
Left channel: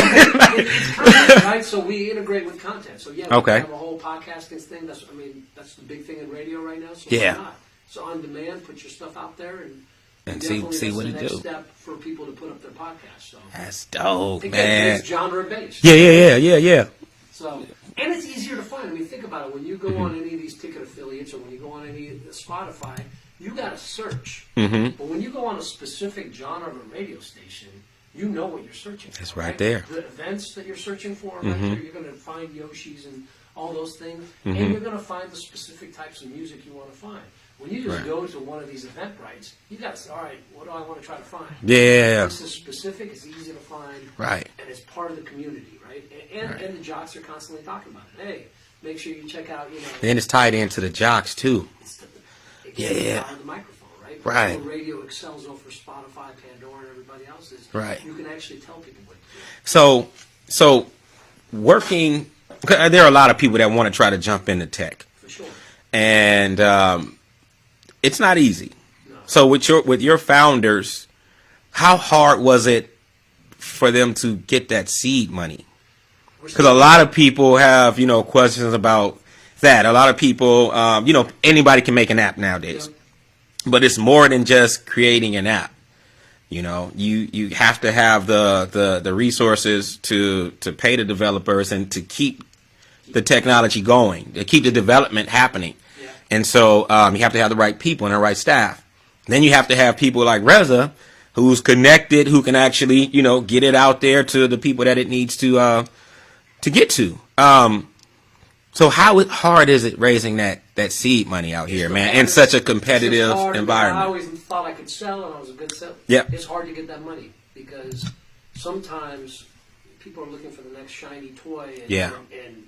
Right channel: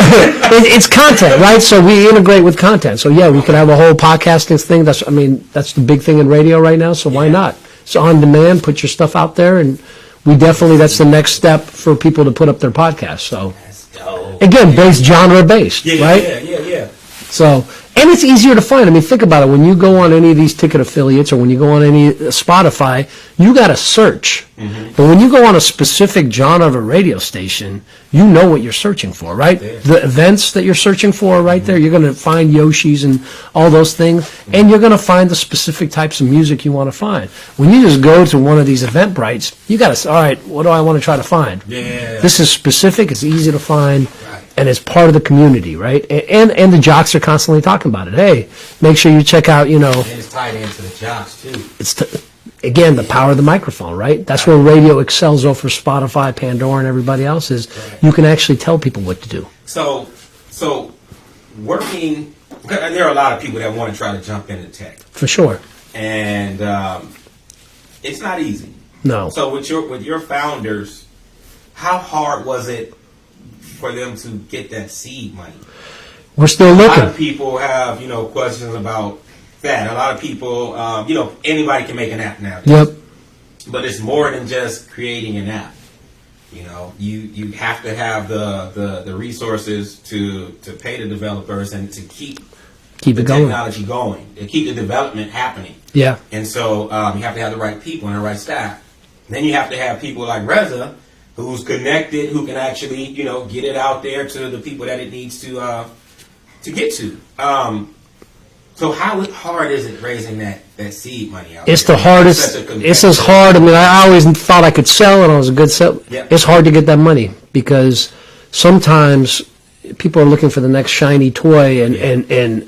It's content, right? So we integrate with content. So we can have a whole podcasting thing. That's the big thing in radio right now. So why not? So on demand, put your stuff out there, and that's the next step for people to put up their podcasts. So that's dope. Again, based genre based. Right? Yeah. So. And it's easier to find. Think about it. When you go on any of these ticket affiliates or when you go on any Spotify, you got to search. But when you go on a specific genre of a radio station, you know what you're searching for, right? The events that you're searching for are right there. You're going to find Yoshis and all those things, and you're going to find the specific types of music you want to find. When you just go to one of these Eventbrites, you got to, all right, what do I want to try to find? Yeah. This is specific. It's easy to find. Right. And it's part of the community, right? And the jocks are constantly talking about it. Hey, make sure you check out, And it's tied into the jocks, too. It's again, the power of the microphone, right? That's where radio excels over Spotify, Pandora, and everybody else is. You can actually tell people what to do. So working, there are a lot of people that want to try to jump into tech. For sure. And it's not easy. No. So with your founders, how hard was it for them to get that seed money? We're still looking. A lot of people have, questions about that. A lot of people, anybody can make an app nowadays. Yep. But it's more than just creating an app. You have to have the resources to pay the developers and to keep the technology going, to keep the development happening. Yeah. And so you have to have the right people and the right staff. Then you have to have people like Reza, who's connected, who can actually, get it out there to the people that it needs to get to. So how hard is it raising that seed money out it's there? The hardest. It's as hard. I always thought I could sell, and I was a good sell. Yeah. It's hard to get that money because sometimes people are looking for the next shiny toy, and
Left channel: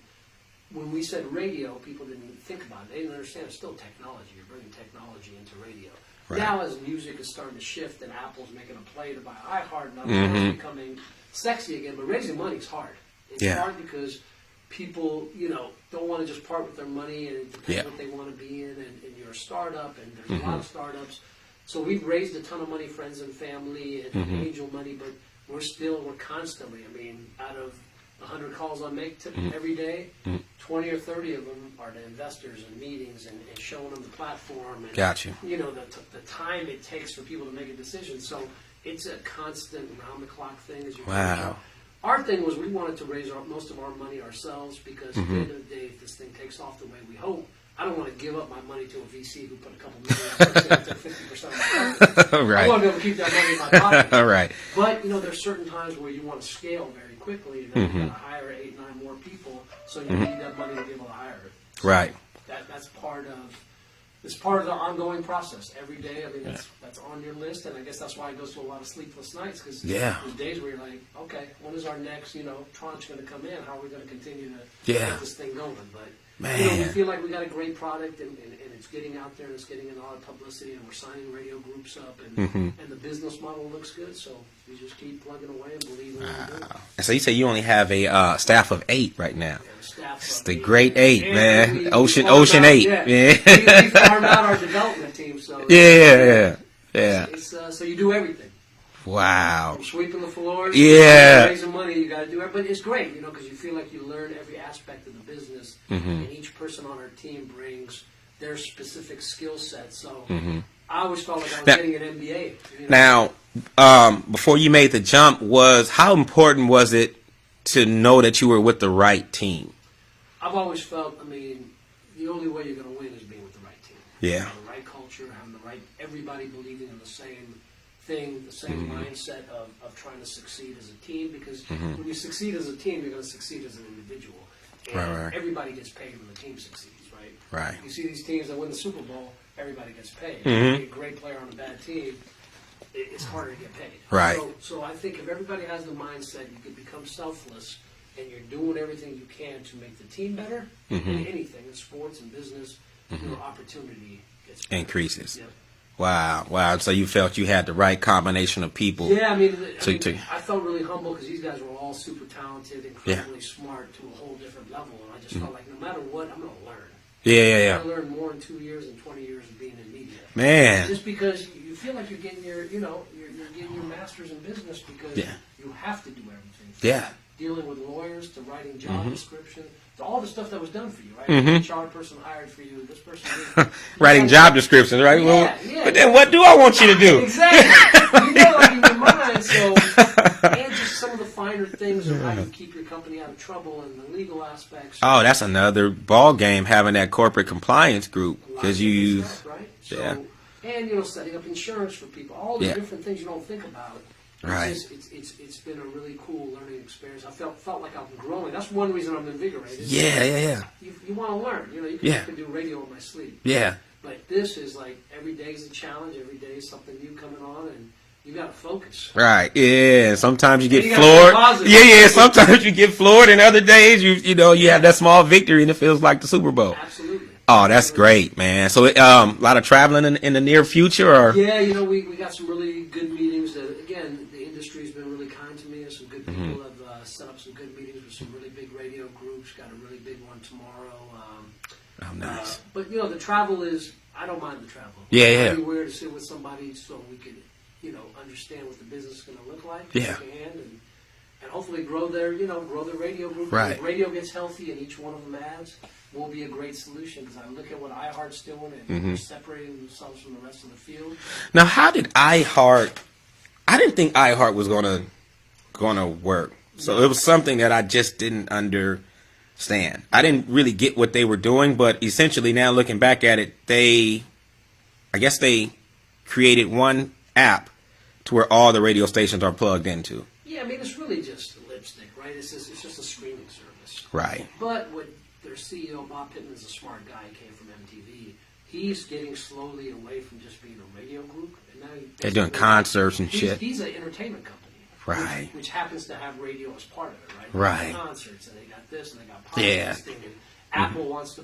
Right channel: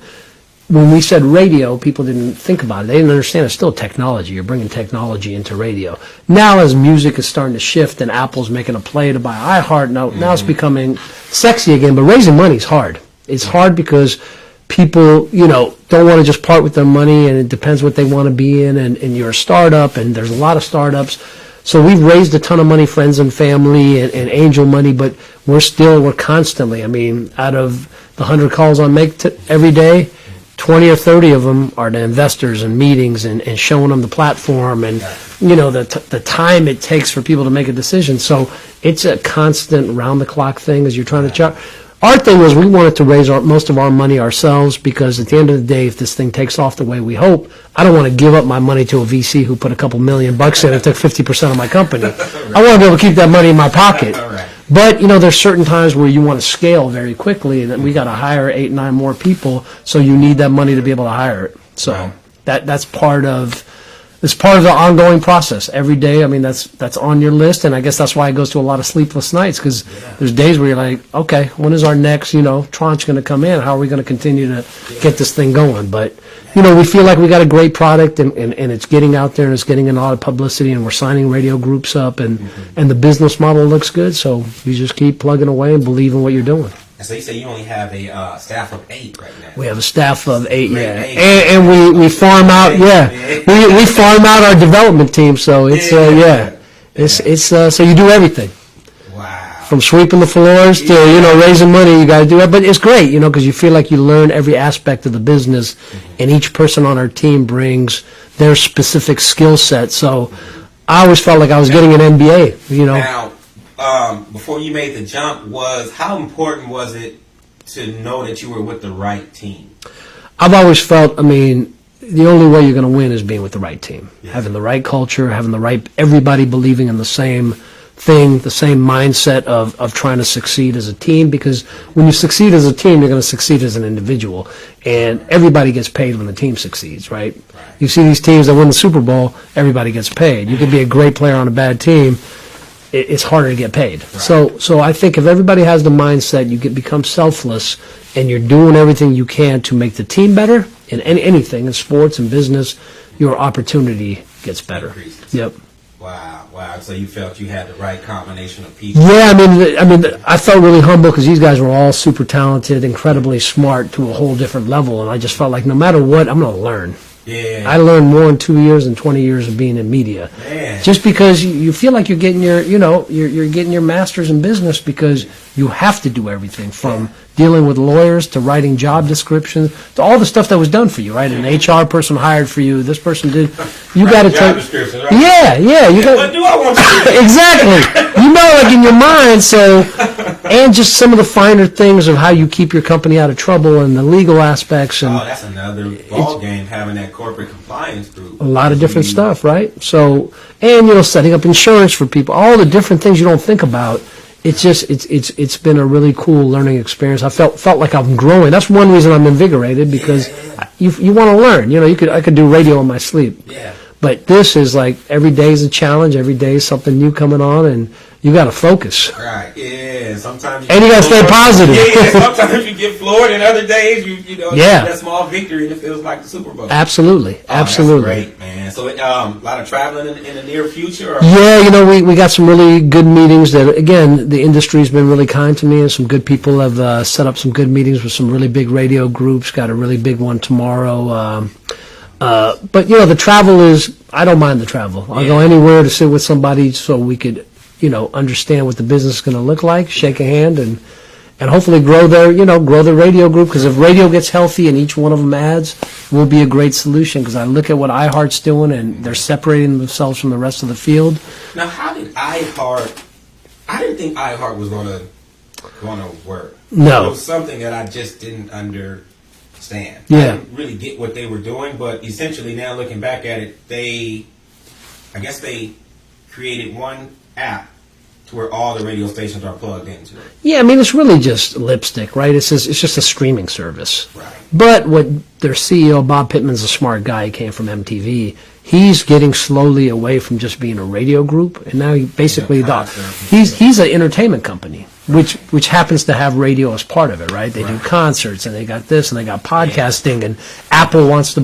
when we said radio, people didn't think about it. They didn't understand it's still technology. You're bringing technology into radio. Now as music is starting to shift and Apple's making a play to buy iHeart, now it's becoming sexy again, but raising money is hard. It's hard because people, don't want to just part with their money, and it depends what they want to be in, and you're a startup, and there's a lot of startups. So we've raised a ton of money, friends and family, and angel money, but we're constantly, out of the 100 calls I make every day, 20 or 30 of them are to investors and meetings and showing them the platform and, the time it takes for people to make a decision. So it's a constant round-the-clock thing as you're trying to charge. Our thing was we wanted to raise most of our money ourselves because at the end of the day, if this thing takes off the way we hope, I don't want to give up my money to a VC who put a couple $1 million in and took 50% of my company. Right. I want to be able to keep that money in my pocket. Right. But, there's certain times where you want to scale very quickly, and we got to hire 8, 9 more people, so you need that money to be able to hire it. So that's part of it's part of the ongoing process every day. I mean, that's on your list, and I guess that's why it goes to a lot of sleepless nights, because there's days where you're like, okay, when is our next, tranche going to come in? How are we going to continue to get this thing going? But, we feel like we got a great product, and it's getting out there, and it's getting a lot of publicity, and we're signing radio groups up, and the business model looks good. So you just keep plugging away and believe in what you're doing. So you say you only have a staff of 8 right now. We have a staff of 8, great 8, and we farm out. We farm out our development team. So it's so you do everything. Wow. From sweeping the floors to raising money, you got to do it. But it's great, because you feel like you learn every aspect of the business, and each person on our team brings their specific skill set. So I always felt like I was getting an MBA. Now. Before you made the jump, how important was it to know that you were with the right team? I've always felt, the only way you're going to win is being with the right team. Having the right culture, having everybody believing in the same thing, the same mindset of trying to succeed as a team, because when you succeed as a team, you're going to succeed as an individual. And everybody gets paid when the team succeeds, right? You see these teams that win the Super Bowl, everybody gets paid. You can be a great player on a bad team. It's harder to get paid. So I think if everybody has the mindset, you become selfless, and you're doing everything you can to make the team better in anything, in sports and business, your opportunity gets better. Increases. Yep. Wow. So you felt you had the right combination of people. Yeah, I felt really humble, because these guys were all super talented, incredibly smart to a whole different level, and I just felt like no matter what, I'm going to learn. I learned more in 2 years than 20 years of being in media. Man. Just because you feel like you're getting you're getting your master's in business, because you have to do everything from dealing with lawyers to writing job descriptions to all the stuff that was done for you, right? An HR person hired for you. This person did. You got job descriptions, right? What do I want you to do? Exactly. Like in your mind. So, and just some of the finer things of how you keep your company out of trouble and the legal aspects. And that's another ball game, having that corporate compliance group. A lot of different stuff, right? So, and setting up insurance for people, all the different things you don't think about. It's just it's been a really cool learning experience. I felt like I'm growing. That's one reason I'm invigorated, because you want to learn. I could do radio in my sleep. But this is like every day is a challenge. Every day is something new coming on, and you got to focus. Right. Yeah. Sometimes you get and you got to stay positive. Yeah. Sometimes you get floored, and other days you have that small victory, and it feels like the Super Bowl. Absolutely. That's great, man. So a lot of traveling in the near future. Or? Yeah. We got some really good meetings. That again, the industry's been really kind to me, and some good people have set up some good meetings with some really big radio groups. Got a really big one tomorrow. But the travel is. I don't mind the travel. I'll go anywhere to sit with somebody so we could. Understand what the business is going to look like, shake a hand, and hopefully grow their radio group. Because if radio gets healthy and each one of them adds, will be a great solution. Because I look at what iHeart's doing, and they're separating themselves from the rest of the field. Now, how did iHeart? I didn't think iHeart was going to work. No, it was something that I just didn't understand. I didn't really get what they were doing, but essentially now looking back at it, I guess they created one app to where all the radio stations are plugged into. Yeah, it's really just lipstick, right? It's just a streaming service. Right. But what their CEO, Bob Pittman's a smart guy. He came from MTV. He's getting slowly away from just being a radio group, and now he's an entertainment company, which happens to have radio as part of it, right? They do concerts, and they got this, and they got podcasting, and Apple wants to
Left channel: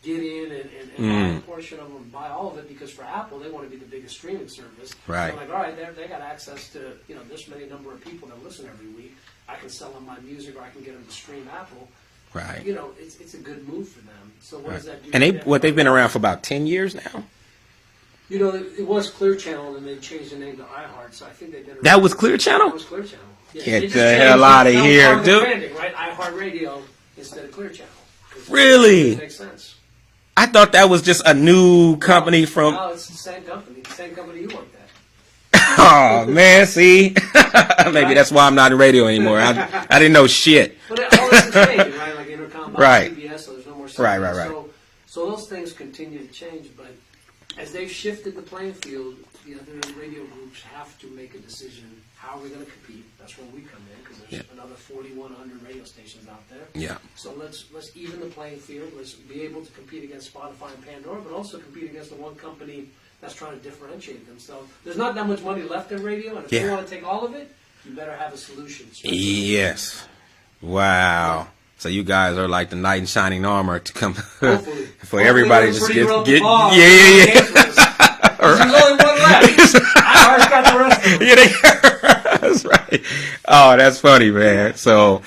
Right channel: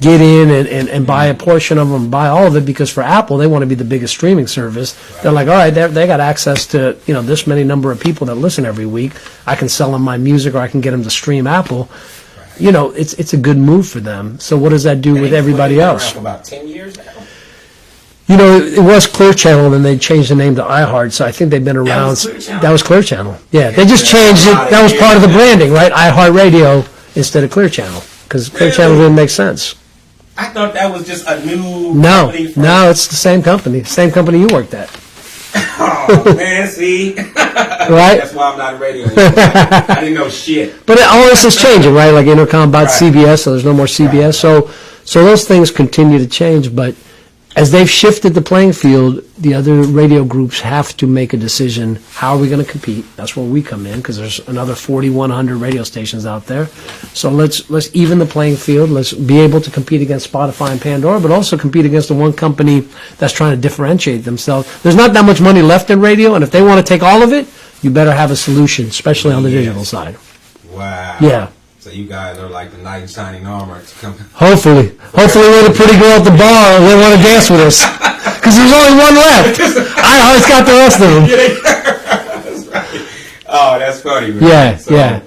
get in and buy a portion of them, buy all of it, because for Apple, they want to be the biggest streaming service. They're like, all right, they got access to this many number of people that listen every week. I can sell them my music, or I can get them to stream Apple. It's a good move for them. So what does that do with everybody else? They've been around for about 10 years now. It was Clear Channel, and then they changed the name to iHeart. So I think they've been around. That was Clear Channel? That was Clear Channel. Yeah, they just changed it. That was part of the branding, right? iHeart Radio instead of Clear Channel, because Clear Channel didn't make sense. I thought that was just a new company from... No, it's the same company. Same company you worked at. Oh, man, see? Right? That's why I'm not in radio anymore. I didn't know shit. But all this is changing, right? Like Intercom bought CBS, so there's no more CBS. Right. So those things continue to change, but as they've shifted the playing field, the other radio groups have to make a decision. How are we going to compete? That's where we come in, because there's another 4,100 radio stations out there. Yeah. So let's even the playing field. Let's be able to compete against Spotify and Pandora, but also compete against the one company that's trying to differentiate themselves. There's not that much money left in radio, and if they want to take all of it, you better have a solution, especially on the digital side. Wow. Yeah. So you guys are like the knight in shining armor to come. Hopefully we're the pretty girl at the bar and they want to dance with us. Because there's only one left. I always got the rest of them. Yeah, that's right. Oh, that's funny, man. Yeah. So, yeah.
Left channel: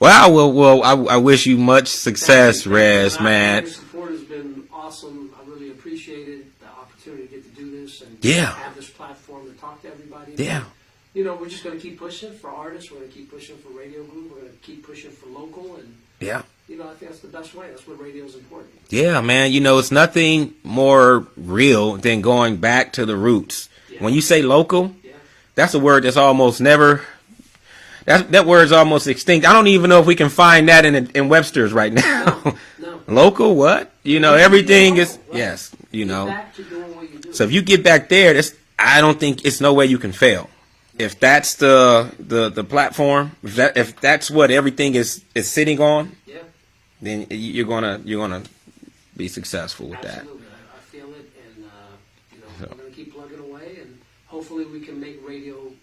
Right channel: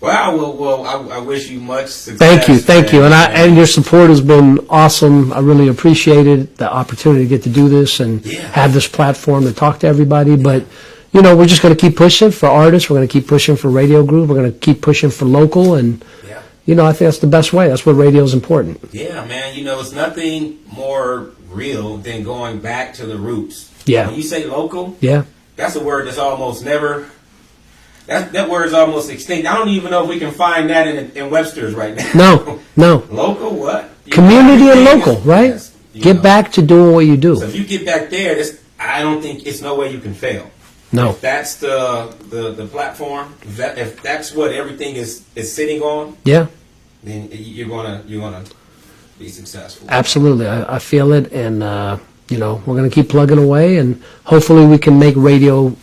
Well, I wish you much success. Thank you, and man. your support has been awesome. I really appreciated the opportunity to get to do this and have this platform to talk to everybody. Yeah. But we're just going to keep pushing for artists. We're going to keep pushing for radio group. We're going to keep pushing for local, and I think that's the best way. That's what radio is important. Yeah, man. It's nothing more real than going back to the roots. Yeah. When you say local, Yeah. that's a word that's almost never. That word's almost extinct. I don't even know if we can find that in Webster's right now. No. Local what? Community and local, right? Yes, get back to doing what you do. So if you get back there, I don't think it's no way you can fail. No. If that's the platform, if that's what everything is sitting on, Yeah. then you're gonna be successful. Absolutely. I feel it, and we're going to keep plugging away, and hopefully we can make radio,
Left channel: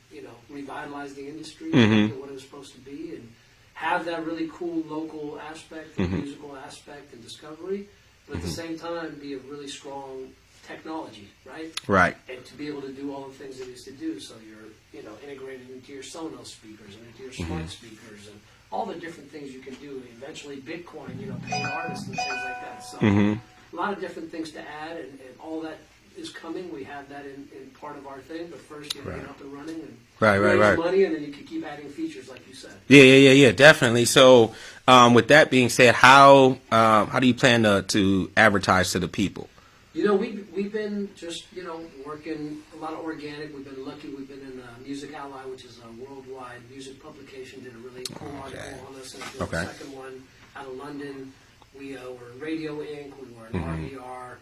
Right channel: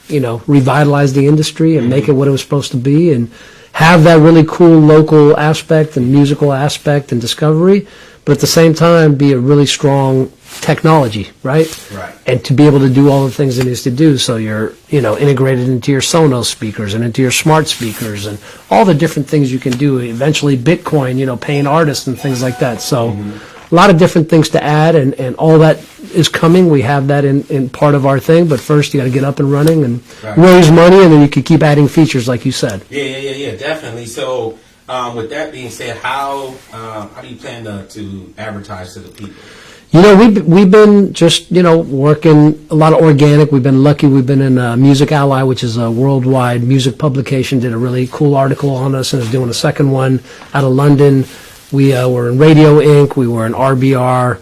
revitalize the industry and make it what it was supposed to be, and have that really cool local aspect and musical aspect and discovery, but at the same time be a really strong technology, right? Right. And to be able to do all the things it needs to do, so you're, integrated into your Sonos speakers and into your smart speakers and all the different things you can do. Eventually Bitcoin, paying artists and things like that. So a lot of different things to add, and all that is coming. We have that in part of our thing, but first you got to get up and running and raise money, and then you can keep adding features like you said. Yeah, definitely. So with that being said, how do you plan to advertise to the people? We've been just, working a lot of organic. We've been lucky. We've been in Music Ally, which is a worldwide music publication, did a really cool article on us and is doing a second one out of London. We were in Radio Inc. We were in RBR.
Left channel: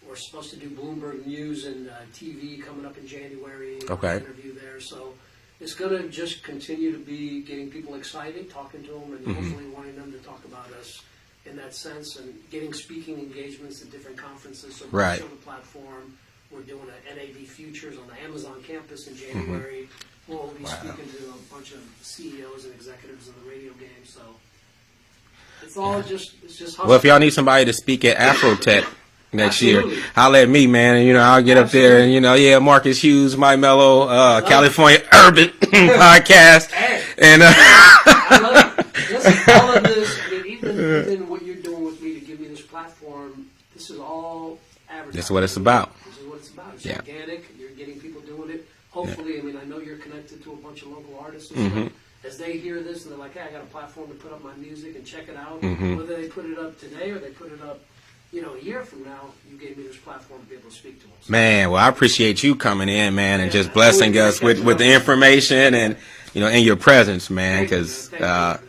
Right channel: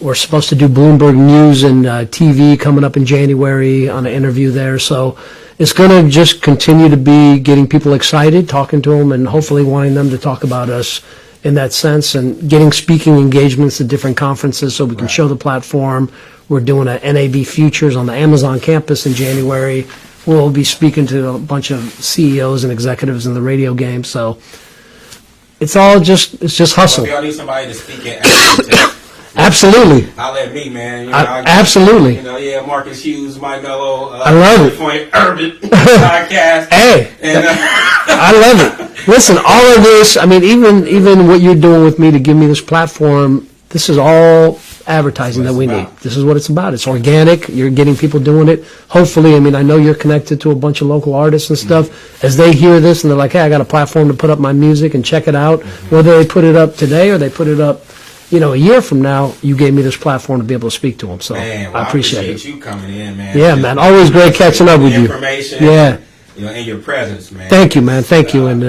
We're supposed to do Bloomberg News and TV coming up in January on an interview there. So it's going to just continue to be getting people excited, talking to them, and hopefully wanting them to talk about us in that sense, and getting speaking engagements at different conferences so we can show the platform. We're doing a NAB Futures on the Amazon campus in January. We'll be speaking to a bunch of CEOs and executives in the radio game. So it's just hustle. Well, if y'all need somebody to speak at Afrotech, absolutely, holler at me, man. I'll get absolutely. There, Marcus Hughes, My Mellow, I love California Urban Podcast. Hey, and I love it. Listen, all of this, even what you're doing with me to give me this platform, this is all advertising that we need. This is what it's about. It's organic. You're getting people doing it. Hopefully, I know you're connected to a bunch of local artists and stuff. As they hear this and they're like, hey, I got a platform to put up my music and check it out. Whether they put it up today or they put it up, a year from now, you gave me this platform to be able to speak to them. So, man, well, I appreciate you coming in, man. Yeah, man. Always great catching up with you. The information. Yeah. And your presence, man. Thank you, man. Thank you. And,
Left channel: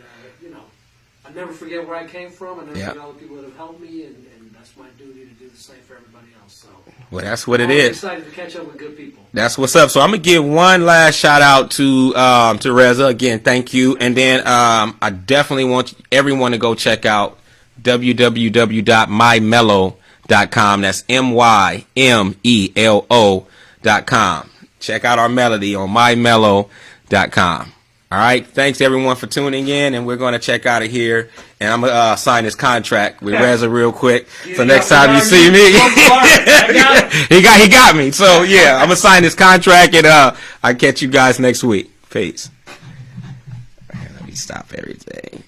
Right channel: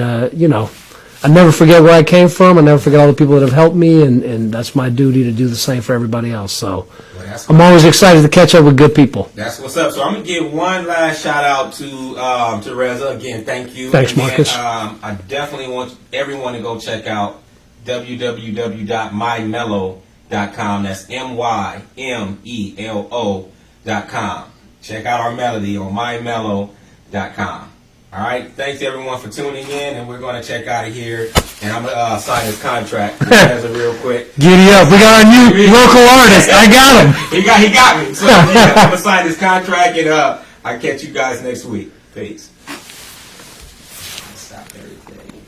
I never forget where I came from. I never forget all the people that have helped me, and that's my duty to do the same for everybody else. So I'm always excited to catch up with good people. That's what's up. So I'm going to give one last shout out to Reza. Again, thank you. Thanks, and then Marcus. I definitely want everyone to go check out www.mymellow.com. That's MYMELO.com. Check out our melody on mymellow.com. All right. Thanks, everyone, for tuning in, and we're going to check out of here. And I'm going to sign this contract with Reza real quick. Giddy up. We got a new local artist. I got him. He got me. So, yeah, I'm going to sign this contract, and I'll catch you guys next week. Peace. Stop everything.